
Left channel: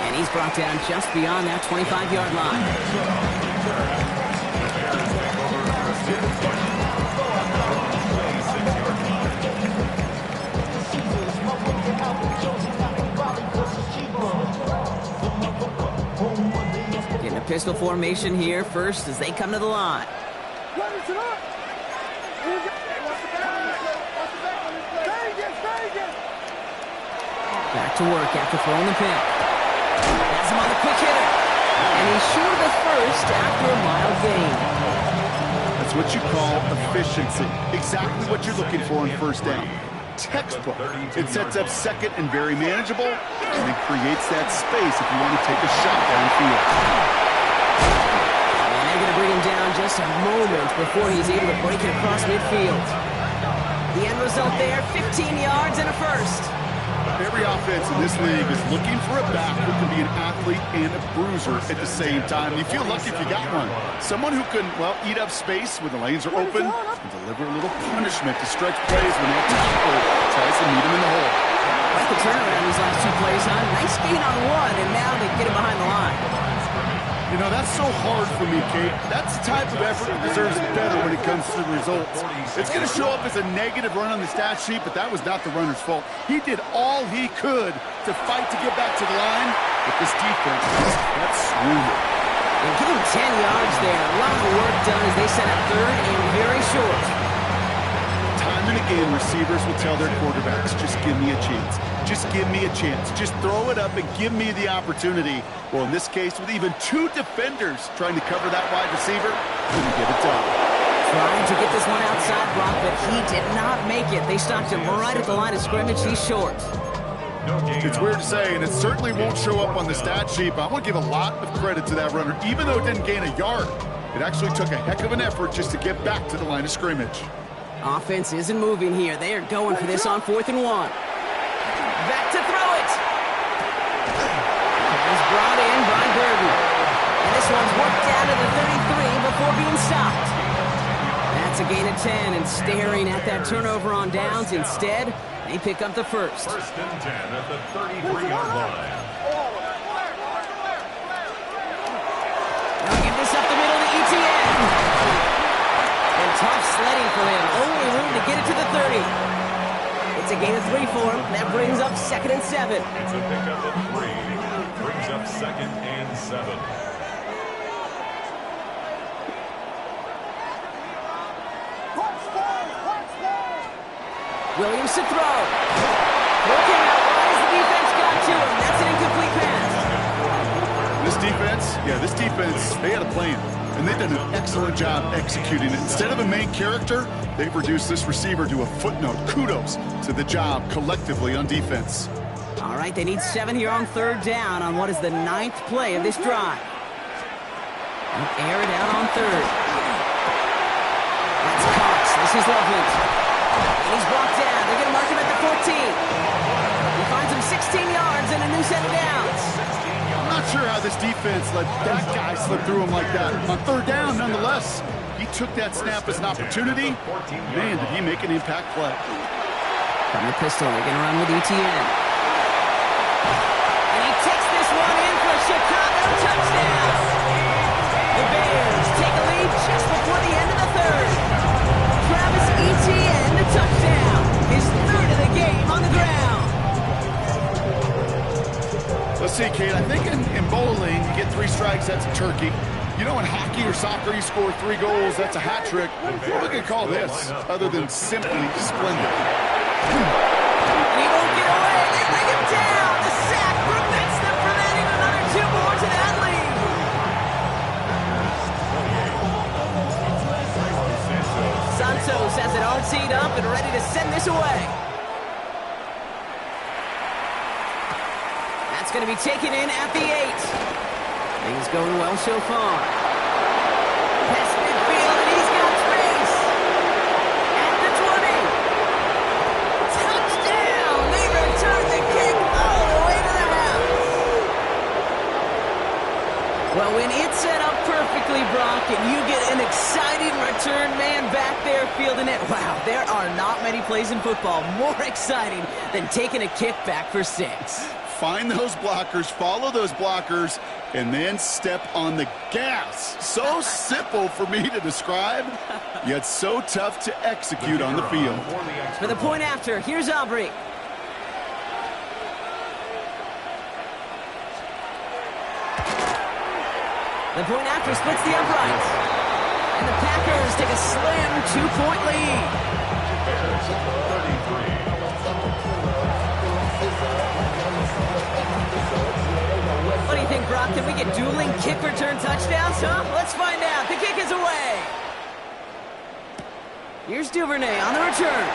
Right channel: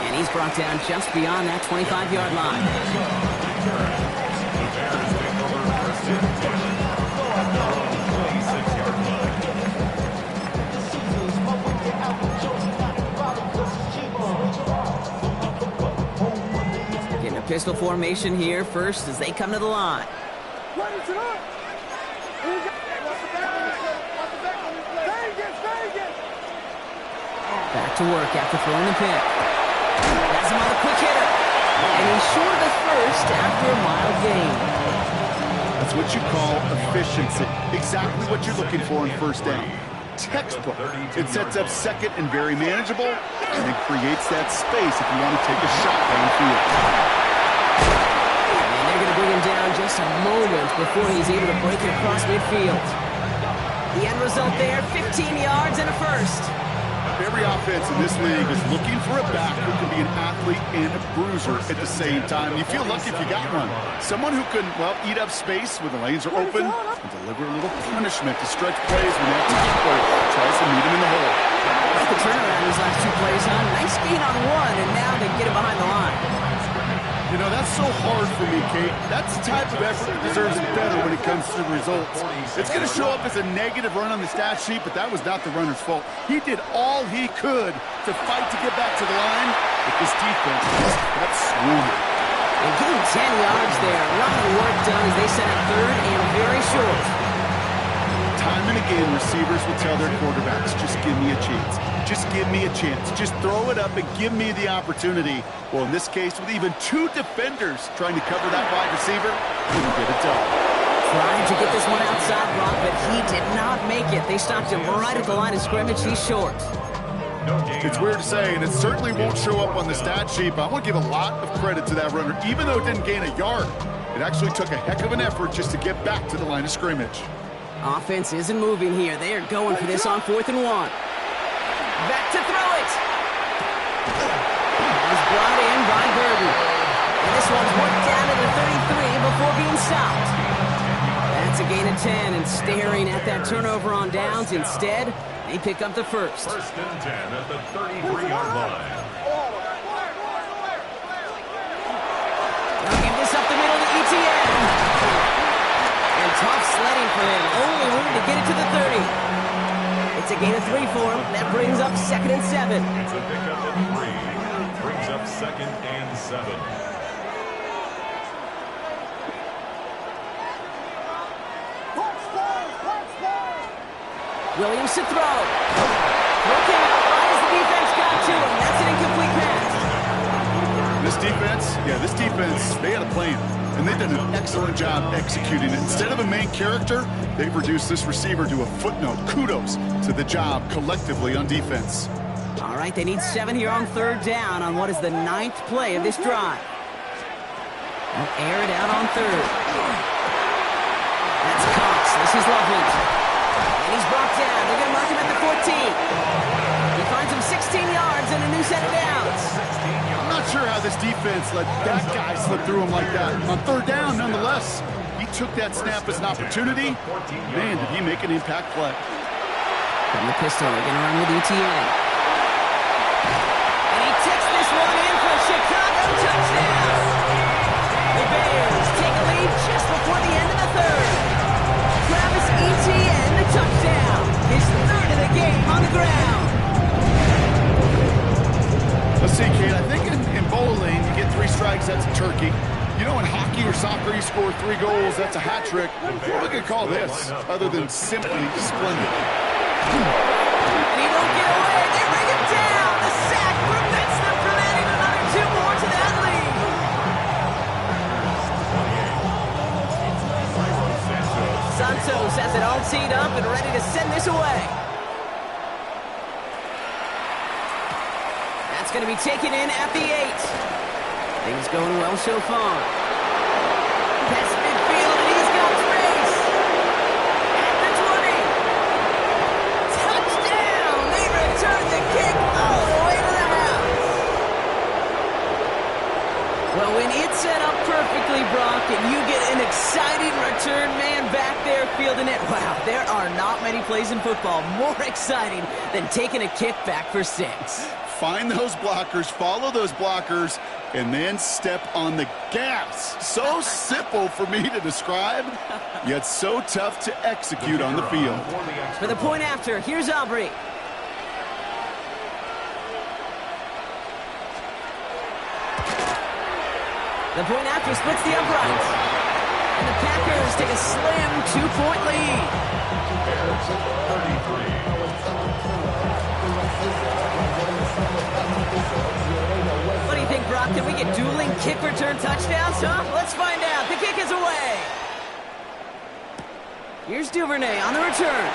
And he's brought down just beyond that 25-yard line. The Bears take over first and 10 at their own 26-yard line. Getting a pistol formation here first as they come to the line. Back to work after throwing the pick. Has him on the quick hitter. And he's short of the first after a mild gain. That's what you call efficiency. Exactly what you're looking for on first down. Textbook. It sets up second and very manageable, and it creates that space if you want to take a shot downfield. And they're going to bring him down just a moment before he's able to break it across midfield. The end result there, 15 yards and a first. Every offense in this league is looking for a back who can be an athlete and a bruiser at the same time. You feel lucky if you got one. Someone who can, well, eat up space when the lanes are open and deliver a little punishment to stretch plays when that tackler tries to meet him in the hole. Quite the turnaround these last two plays, huh? Nice gain on one, and now they get him behind the line. You know, that's so hard for me, Kate. That's the type of effort that deserves better when it comes to the results. It's going to show up as a negative run on the stat sheet, but that was not the runner's fault. He did all he could to fight to get back to the line, but this defense, that's swooning. And give him 10 yards there. A lot of the work done as they set up third and very short. Time and again, receivers will tell their quarterbacks, just give me a chance. Just give me a chance. Just throw it up and give me the opportunity. Well, in this case, with even two defenders trying to cover that wide receiver, couldn't get it done. Trying to get this one outside, Brock, but he did not make it. They stopped him right at the line of scrimmage. He's short. It's weird to say, and it certainly won't show up on the stat sheet, but I want to give a lot of credit to that runner. Even though it didn't gain a yard, it actually took a heck of an effort just to get back to the line of scrimmage. Offense isn't moving here. They are going for this on 4th and 1. Back to throw it. Is brought in by Burden. And this one's worked down to the 33 before being stopped. That's a gain of 10, and staring at that turnover on downs. Instead, they pick up the first. First and 10 at the 33-yard line. Now give this up the middle to ETN. And tough sledding for him. Only room to get it to the 30. It's a gain of 3 for him. That brings up 2nd and 7. It's a pickup of 3. Brings up 2nd and 7. Williams to throw. Look out. Why has the defense got to him? That's an incomplete pass. This defense, they had a plan. And they've done an excellent job executing it. Instead of a main character, they've reduced this receiver to a footnote. Kudos to the job collectively on defense. All right, they need 7 here on 3rd down on what is the 9th play of this drive. They'll air it out on 3rd. That's Cox. This is Loveland. And he's brought down. They're going to mark him at the 14. He finds him 16 yards and a new set of downs. I'm not sure how this defense let that guy slip through him like that. On 3rd down, nonetheless, he took that snap as an opportunity. Man, did he make an impact play. From the pistol, they're going to run with ETN. And he takes this one in for a Chicago touchdown. The Bears take a see, Kate, I think in bowling, you get 3 strikes, that's a turkey. You know, in hockey or soccer, you score 3 goals, that's a hat trick. What would we call this, other than simply splendid? And he won't get away. They bring him down. The sack prevents them from adding another 2 more to that lead. Santos has it all teed up and ready to send this away. That's going to be taken in at the 8. Things going well so far. Past midfield, and he's got space. At the 20. Touchdown! They return the kick all the way to the house. Well, when it's set up perfectly, Brock, and you get an exciting return man back there fielding it, wow, there are not many plays in football more exciting than taking a kick back for 6. Find those blockers, follow those blockers, and then step on the gas. So simple for me to describe, yet so tough to execute on the field. For the point after, here's Aubrey. The point after splits the uprights. And the Packers take a slim 2-point lead. Bears 33. What do you think, Brock? Can we get dueling kick return touchdowns, huh? Let's find out. The kick is away. Here's Duvernay on the return.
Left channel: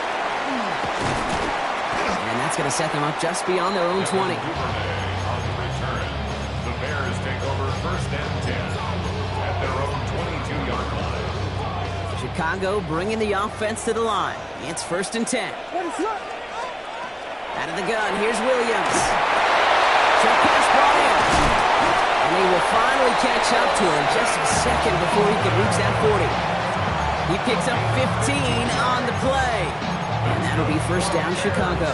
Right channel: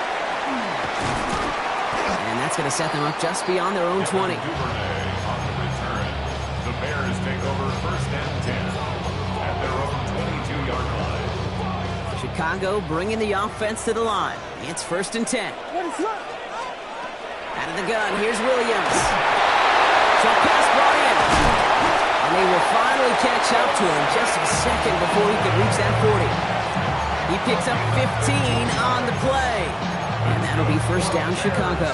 And that's going to set them up just beyond their own 20. Duvernay on the return. The Bears take over 1st and 10 at their own 22-yard line. Chicago bringing the offense to the line. It's 1st and 10. Out of the gun, here's Williams. Short pass brought in. And they will finally catch up to him just a second before he could reach that 40. He picks up 15 on the play. And that'll be 1st down, Chicago.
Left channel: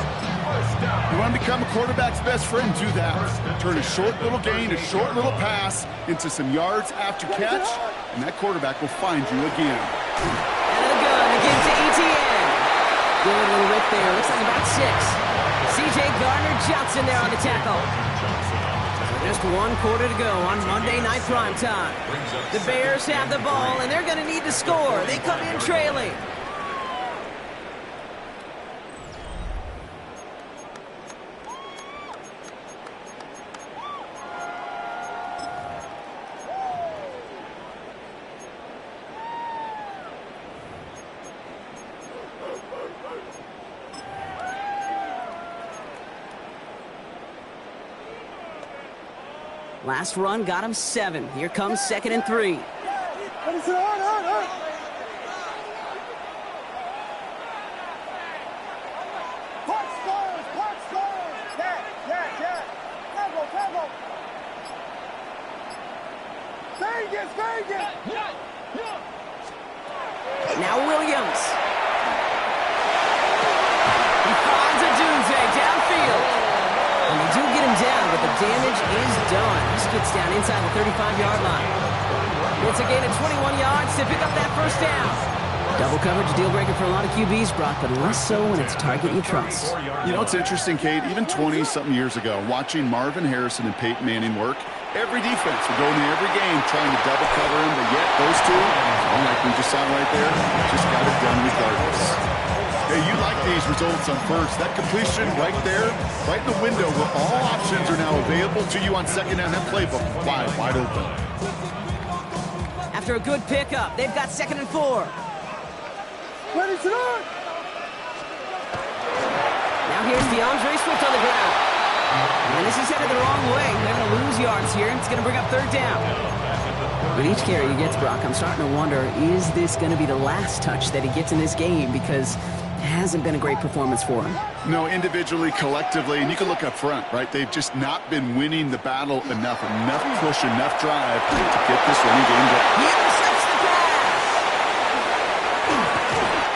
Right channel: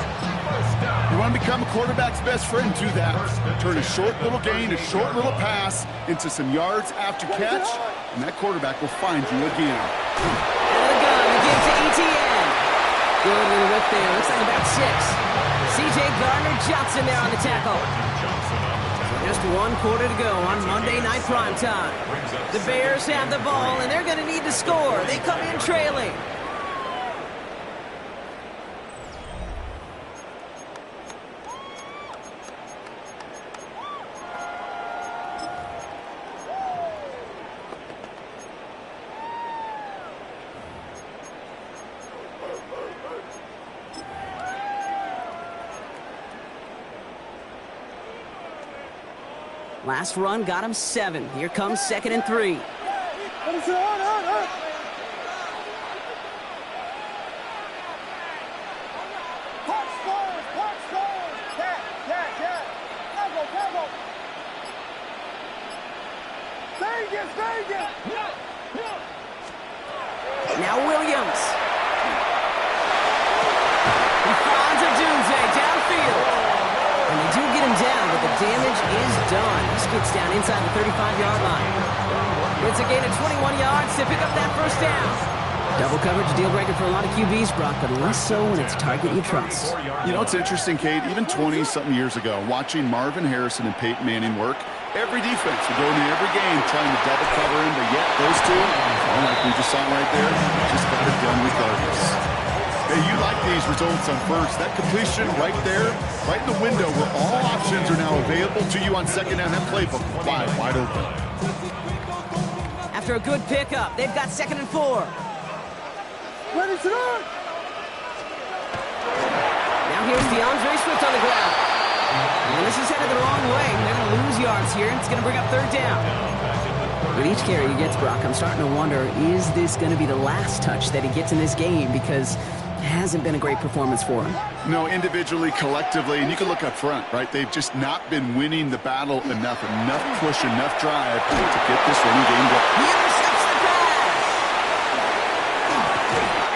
You want to become a quarterback's best friend, do that. Turn a short little gain, a short little pass into some yards after catch, and that quarterback will find you again. Out of the gun, again to ETN. Good little rip there. Looks like about 6. C.J. Gardner-Johnson there on the tackle. So just 1 quarter to go on Monday Night Primetime. The Bears have the ball, and they're going to need to score. They come in trailing. Last run got him 7. Here comes 2nd and 3. Now Williams. He finds a Dunze downfield. And they do get him down, but the damage is done. He gets down inside the 35-yard line. It's a gain of 21 yards to pick up that 1st down. Double coverage, a deal breaker for a lot of QBs, Brock, but less so when it's a target you trust. You know, it's interesting, Kate, even 20-something years ago, watching Marvin Harrison and Peyton Manning work, every defense would go into every game trying to double cover him, but yet those two, like we just saw right there, just got it done regardless. Hey, you like these results on 1st. That completion right there, right in the window where all options are now available to you on 2nd down. That playbook wide open. After a good pickup, they've got 2nd and 4. Ready to run! Now here's DeAndre Swift on the ground. And this is headed the wrong way. They're going to lose yards here, and it's going to bring up 3rd down. With each carry he gets, Brock, I'm starting to wonder, is this going to be the last touch that he gets in this game? Because it hasn't been a great performance for him. No, individually, collectively, and you can look up front, right? They've just not been winning the battle enough push, enough drive to get this running game going. He intercepts the pass!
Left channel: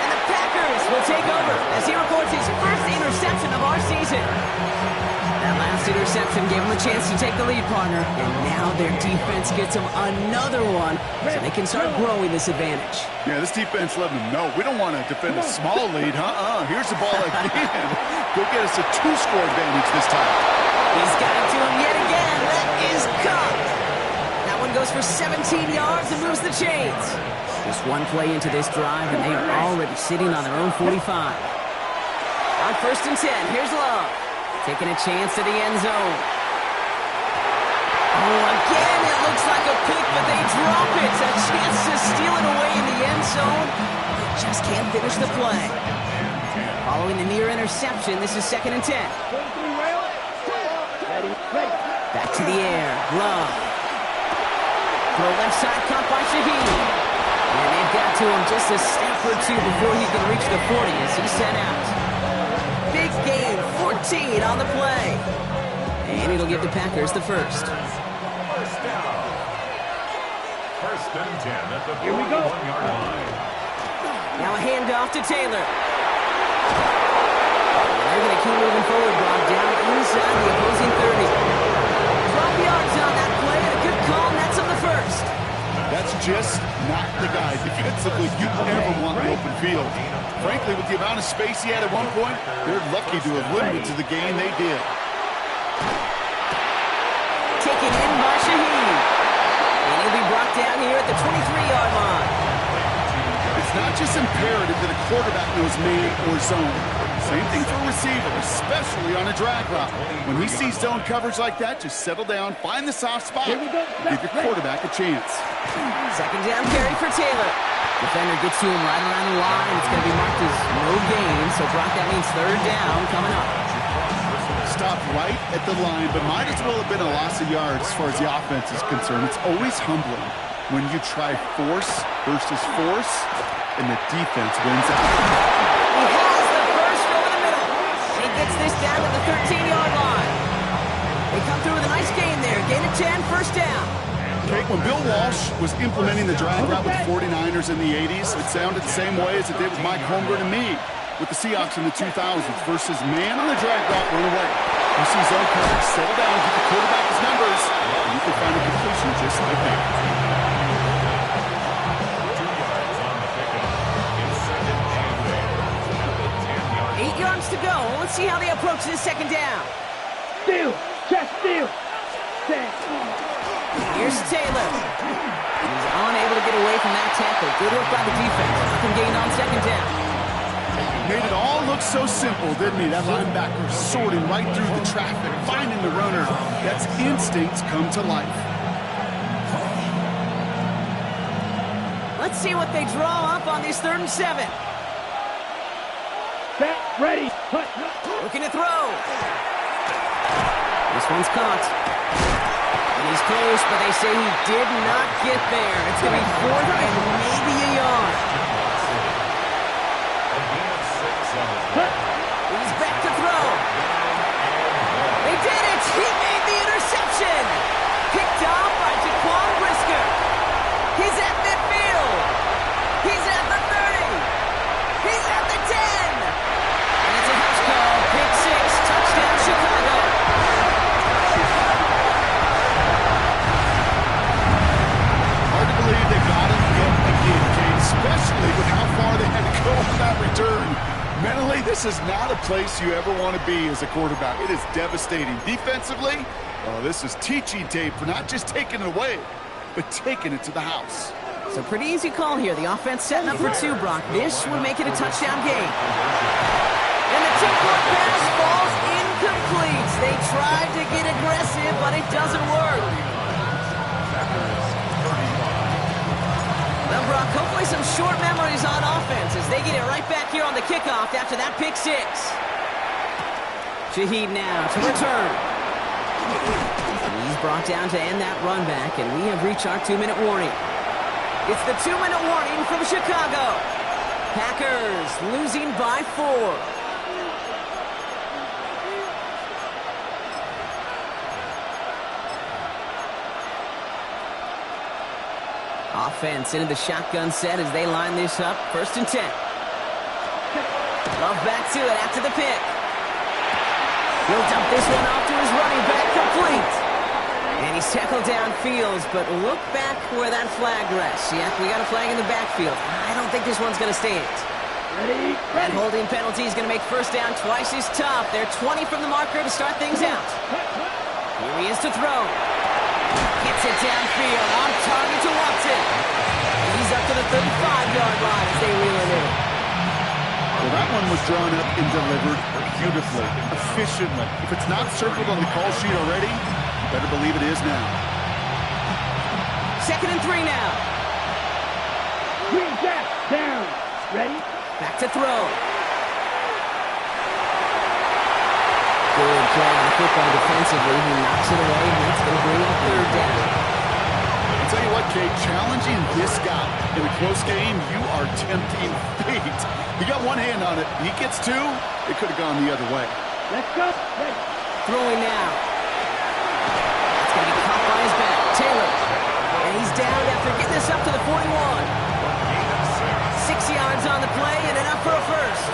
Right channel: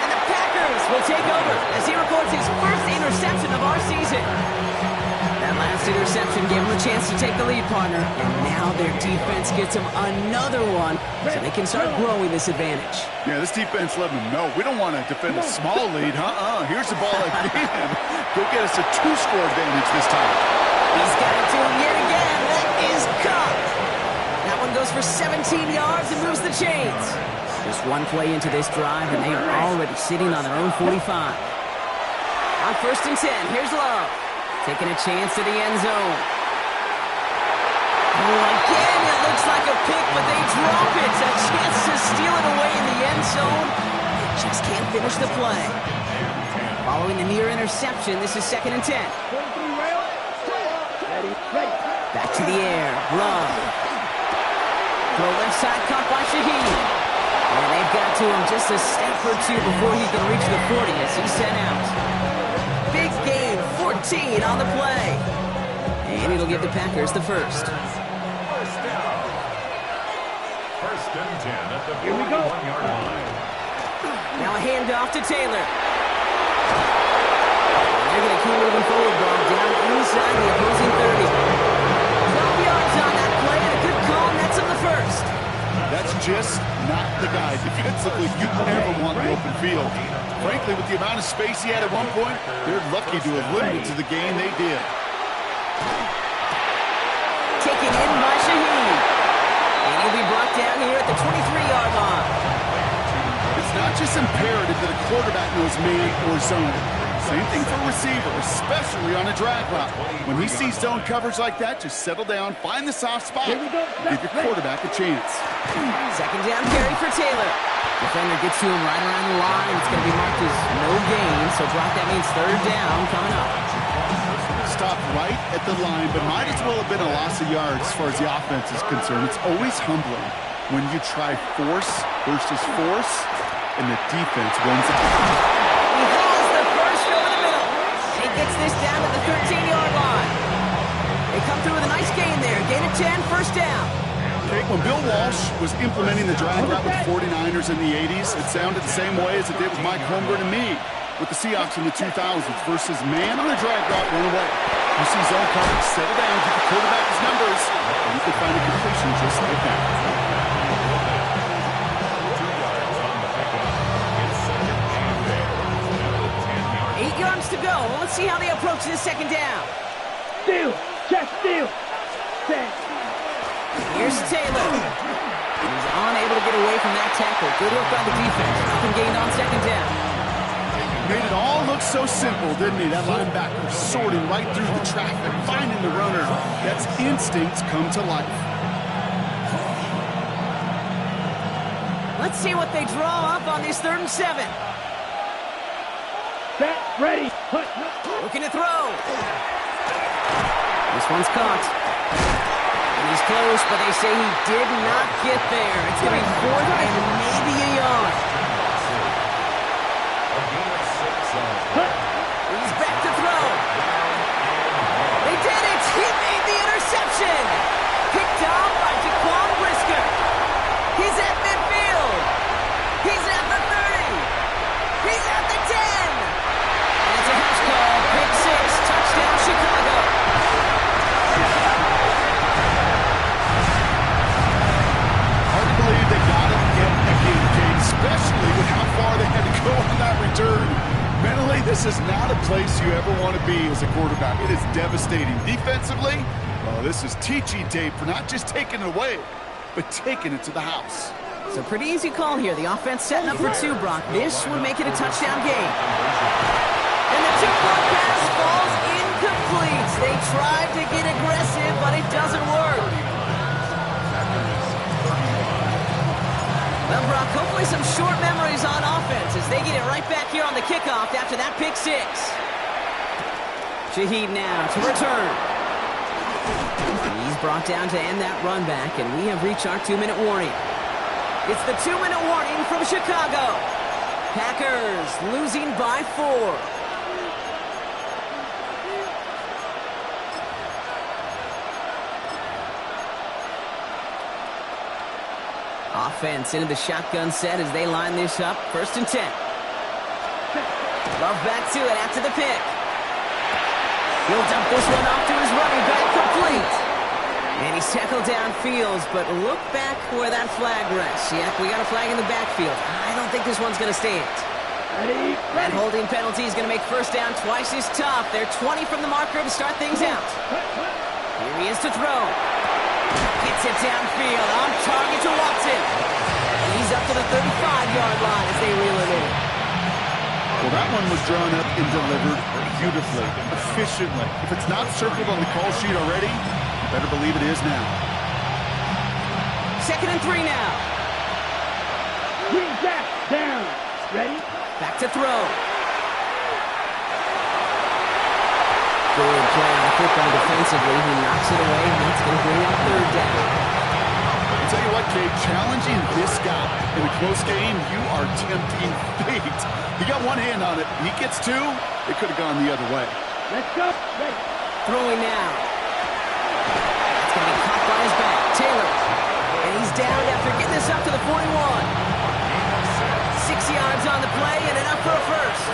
And the Packers will take over as he records his 1st interception of our season. That last interception gave him a chance to take the lead, partner, and now their defense gets them another one so they can start growing this advantage. Yeah, this defense let them know we don't want to defend a small lead. Here's the ball again. Go get us a 2-score advantage this time. He's got it to him yet again. That is caught. That one goes for 17 yards and moves the chains. Just one play into this drive, and they are already sitting on their own 45. On 1st and 10, here's Love. Taking a chance to the end zone. Oh, again, it looks like a pick, but they drop it. A chance to steal it away in the end zone. They just can't finish the play. Following the near interception, this is 2nd and 10. Back to the air. Love. Throw left side, caught by Shaheed. And they've got to him just a step or two before he can reach the 40 as he's sent out. Big gain, 14 on the play. And it'll give the Packers the first. First down. 1st and 10 at the 41-yard line. Now a handoff to Taylor. They're going to keep moving forward, Bob, down inside the opposing 30. 12 yards on that play, and a good call nets him the first. That's just not the guy defensively you ever want in the open field. Frankly, with the amount of space he had at one point, they're lucky to have limited to the gain they did. Taken in by Shaheed. And he'll be brought down here at the 23-yard line. It's not just imperative that a quarterback knows man or zone. Same thing for a receiver, especially on a drag route. When he sees zone coverage like that, just settle down, find the soft spot, and give your quarterback a chance. 2nd down carry for Taylor. Defender gets to him right around the line. It's going to be marked as no gain, so Brock, that means 3rd down coming up. Stopped right at the line, but might as well have been a loss of yards as far as the offense is concerned. It's always humbling when you try force versus force, and the defense wins out. He has the first over the middle. And he gets this down to the 13-yard line. They come through with a nice gain there. Gain of 10, 1st down. Okay, when Bill Walsh was implementing the drag route with the 49ers in the 80s, it sounded the same way as it did with Mike Holmgren and me with the Seahawks in the 2000s versus man on the drag route, run away. You see zone coverage, settle down, give the quarterback his numbers, and you can find a completion just like that. 2 yards on the pickup. It's 2nd and 8 at the 10-yard line. 8 yards to go. Let's see how they approach this 2nd down. Steal. Check steal. Set. Here's Taylor. He's unable to get away from that tackle. Good work by the defense. Nothing gained on 2nd down. Made it all look so simple, didn't he? That linebacker sorting right through the traffic, finding the runner. That's instincts come to life. Let's see what they draw up on this 3rd and 7. Set. Ready. Hut. Looking to throw. This one's caught. And he's close, but they say he did not get there. It's going to be 4th and maybe a yard. He's back to throw. They did it. He made the interception. Picked off by Jaquan Brisker. He's at midfield. He's at the 30. He's at the 10. And it's a house call. Pick 6. Touchdown, Chicago. Hard to believe they got him yet again, Kate, especially with how far they had to go on that return. Mentally, this is not a place you ever want to be as a quarterback. It is devastating. Defensively, well, this is teaching tape for not just taking it away, but taking it to the house. So pretty easy call here. The offense setting up for 2, Brock. This would make it a touchdown game. And the 2-point pass falls incomplete. They tried to get aggressive, but it doesn't work. Well, Brock, hopefully some short memories on offense as they get it right back here on the kickoff after that pick 6. Shaheed now to return. He's brought down to end that run back, and we have reached our 2-minute warning. It's the 2-minute warning from Chicago. Packers losing by 4. Offense into the shotgun set as they line this up. 1st and 10. Love back to it after the pick. He'll dump this one off to his running back, complete. And he's tackled downfield, but look back where that flag rests. Yeah, we got a flag in the backfield. I don't think this one's going to stand. Ready? That holding penalty is going to make first down twice as tough. They're 20 from the marker to start things out. Here he is to throw. Gets it downfield, on target to Watson. And he's up to the 35-yard line as they reel it in. Well, that one was drawn up and delivered beautifully, efficiently. If it's not circled on the call sheet already, you better believe it is now. 2nd and 3 now. Green jack, down. Ready? Back to throw. Good play on the football defensively. He knocks it away, and that's going to bring up 3rd down. I'll tell you what, Kate, challenging this guy in a close game, you are tempting fate. He got one hand on it. He gets 2. It could have gone the other way. Let's go. Ready? Throwing now. That's going to be caught by his back. Taylor. And he's down after getting this up to the 41. 6 yards on the play and enough for a first.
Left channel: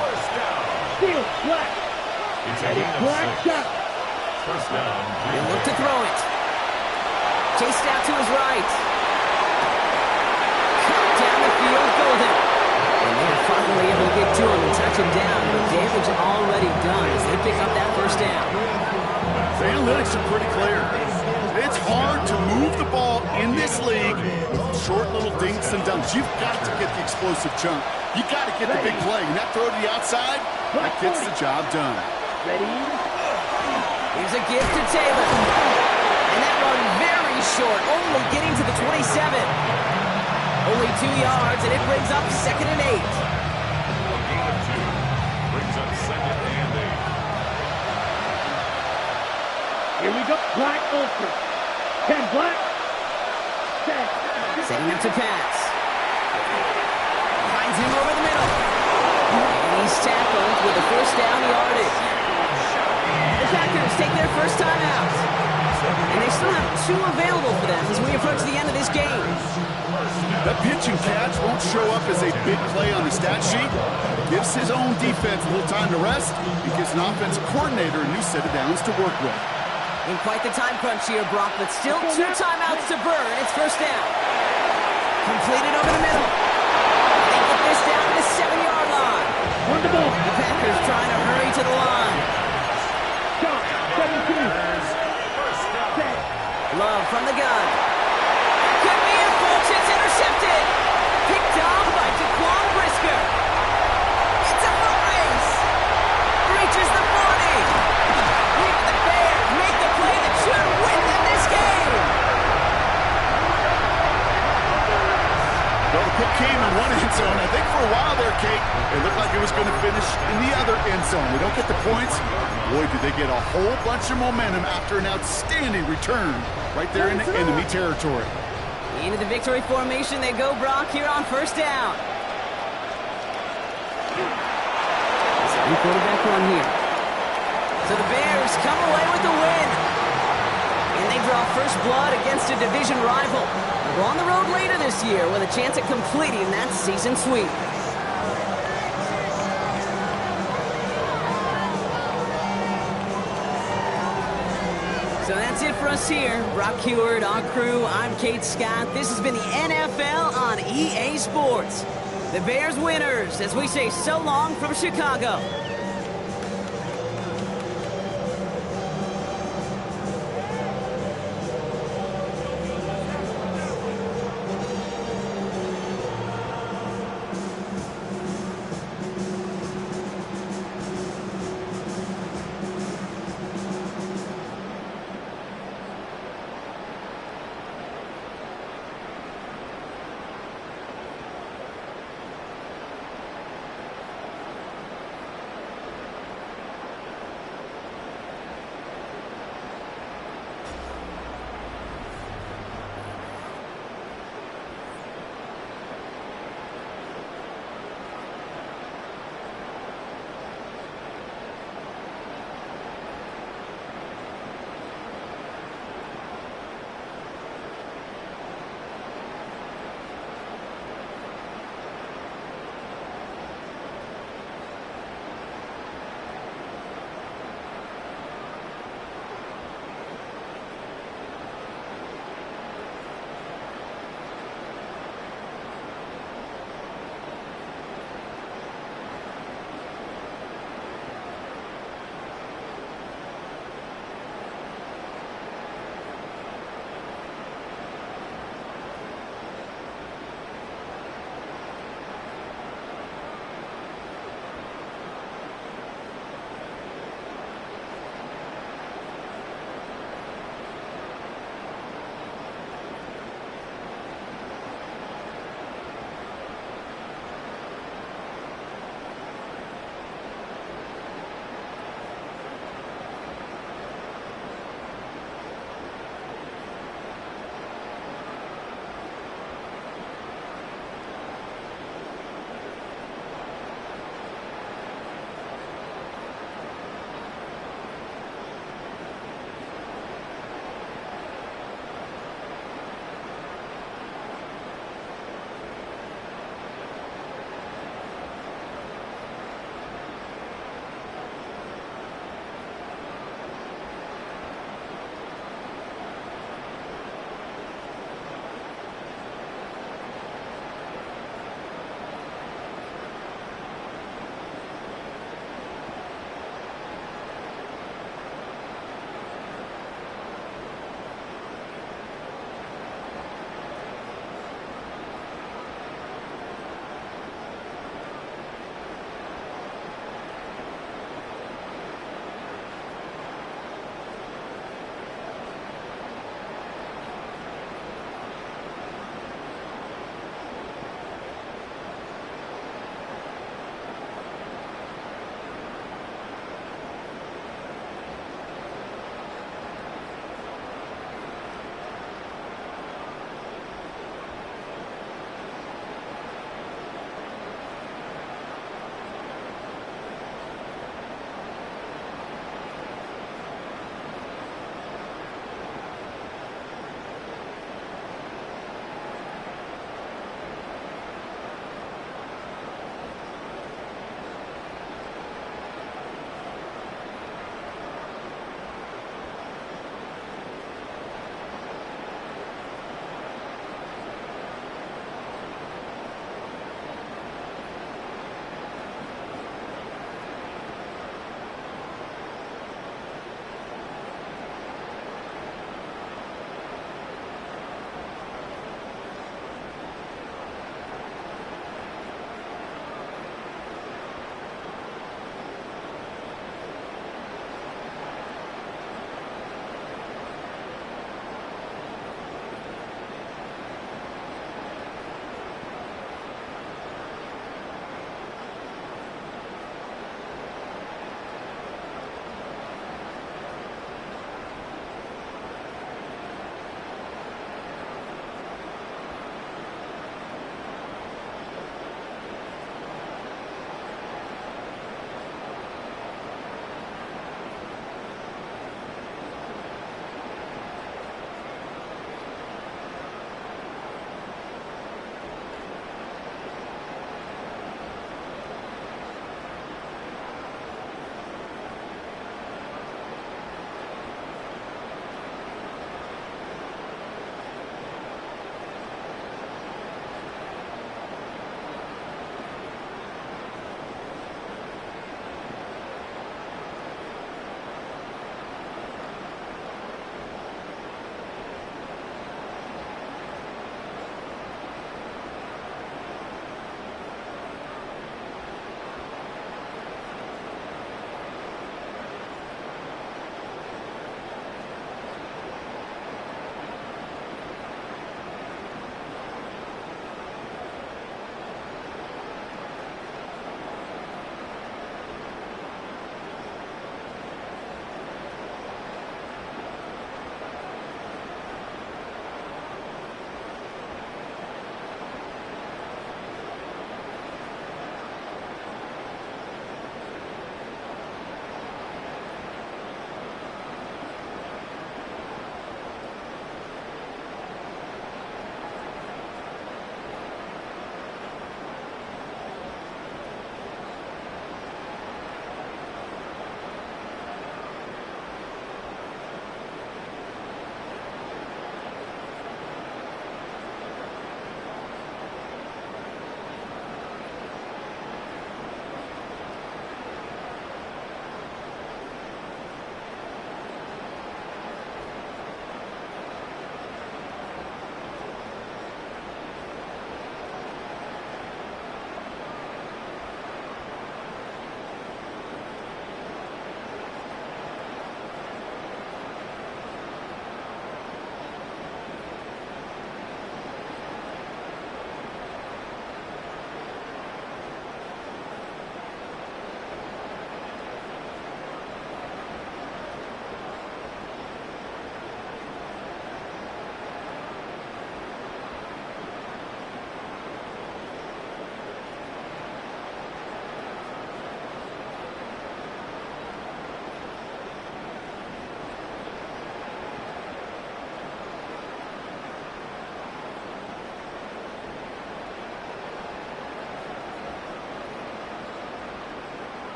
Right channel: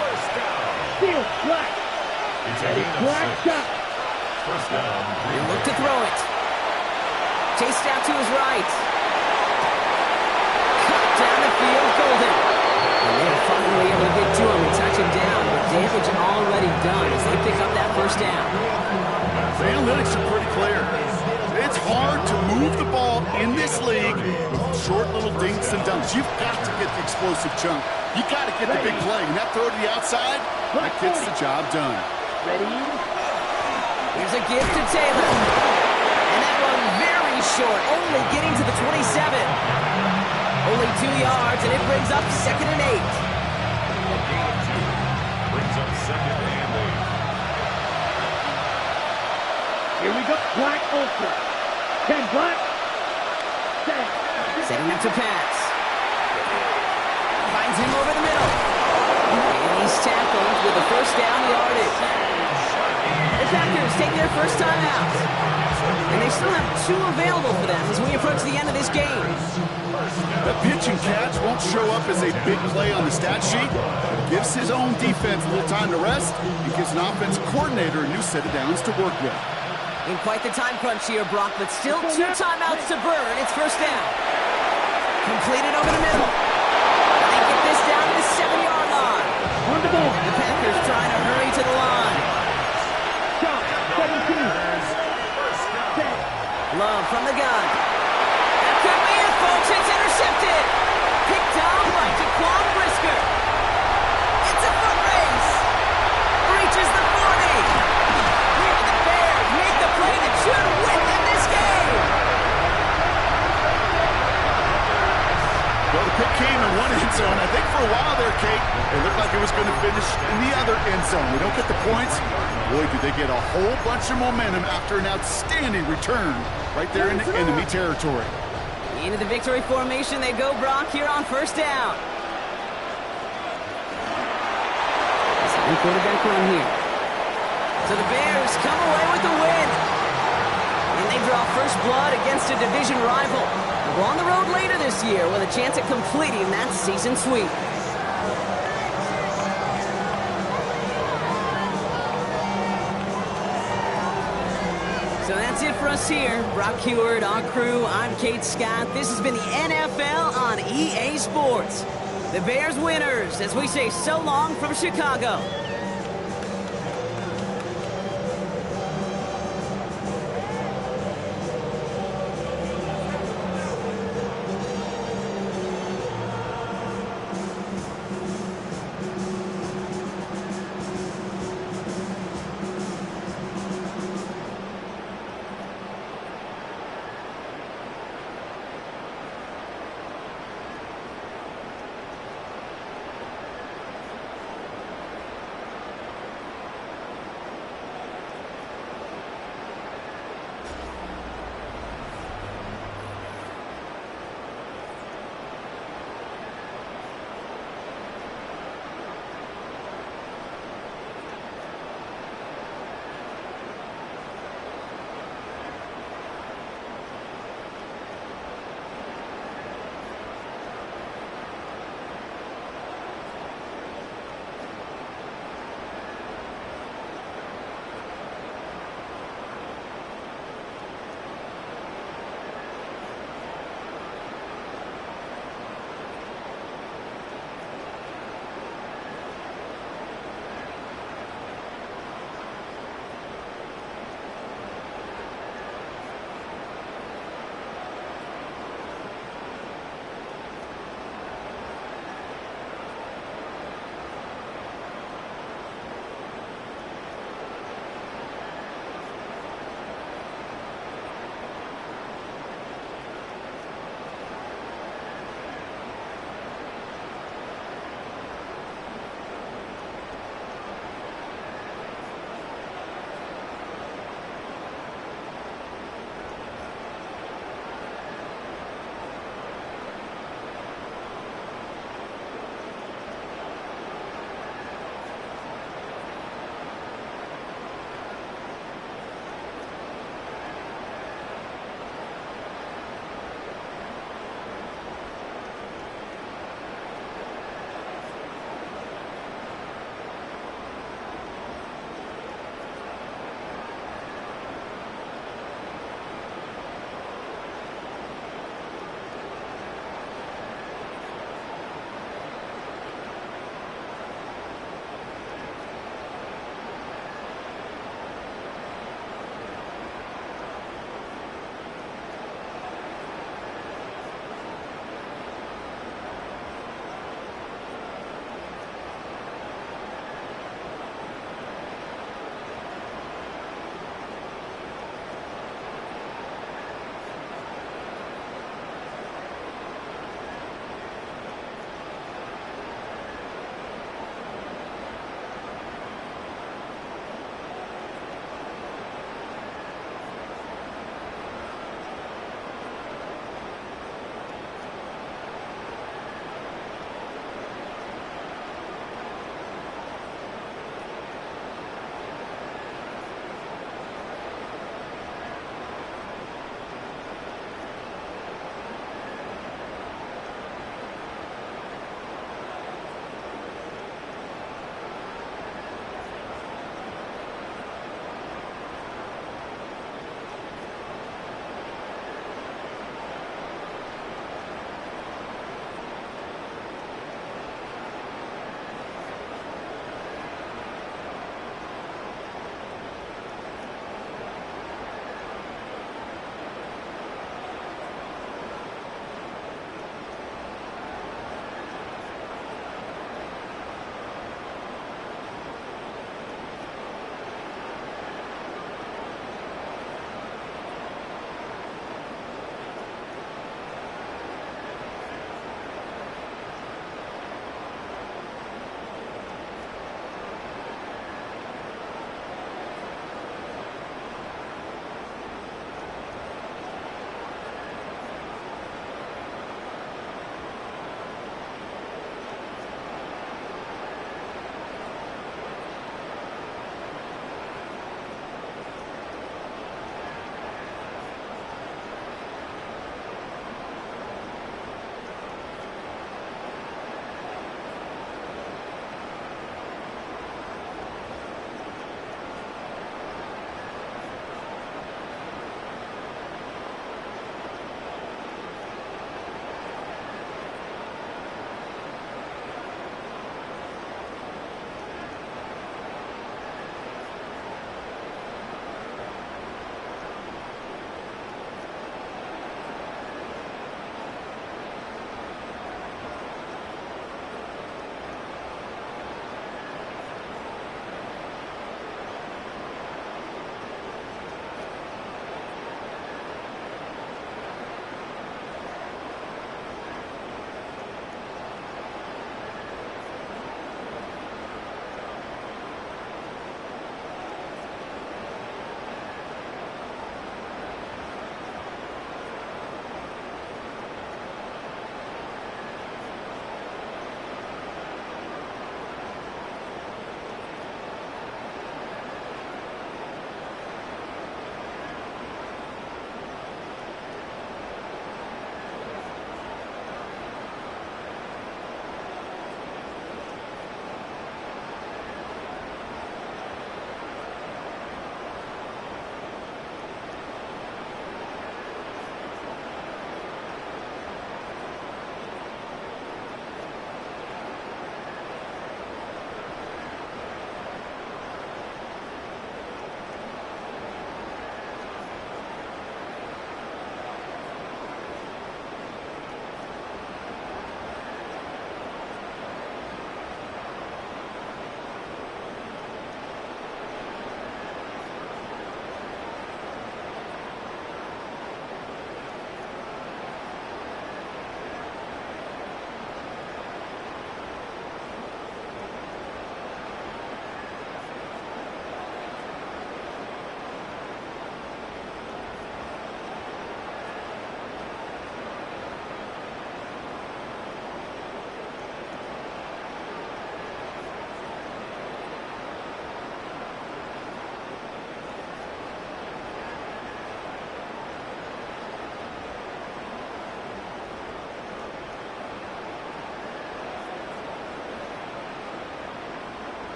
First down. Steal, black. It's a gain of Black 6. shot. First down. He'll look to throw it. Chased out to his right. Cut down the field, Golden. And they're finally able to get to him and touch him down, but damage already done as they pick up that first down. The analytics are pretty clear. It's hard to move the ball in this league with short little dinks and dunks. You've got to get the explosive chunk. You got to get the big play. And that throw to the outside, that gets the job done. Ready? Here's a gift to Taylor. And that run very short, only getting to the 27. Only 2 yards, and it brings up 2nd and 8. A gain of 2. Brings up 2nd and 8. Here we go. Black ultra. 10 black. Set. Setting up to pass. Finds him over the middle. And he's tackled with a first down yardage. The Packers take their first time out. And they still have 2 available for them as we approach the end of this game. That pitch and catch won't show up as a big play on the stat sheet. It gives his own defense a little time to rest. It gives an offensive coordinator a new set of downs to work with. In quite the time crunch here, Brock, but still 2 timeouts to burn. It's first down. Completed over the middle. And they get this down to the 7-yard line. On the ball. The Packers trying to hurry to the line. Shot. 17. Set. Love from the gun. That could be it, folks. It's intercepted. Picked off by Jaquan Brisker. It's a foot race. Reaches the 40. Here the Bears make the play that should win them this game. Well, the pick came in one end zone. I think for a while there, Kate, it looked like it was going to finish in the other end zone. They don't get the points. Boy, do they get a whole bunch of momentum after an outstanding return right there in the enemy territory. Into the victory formation they go, Brock, here on first down. Second quarterback run here. So the Bears come away with the win. And they draw first blood against a division rival. They'll go on the road later this year with a chance at completing that season sweep. So that's it for us here. Brock Heward, our crew, I'm Kate Scott. This has been the NFL on EA Sports. The Bears winners as we say so long from Chicago.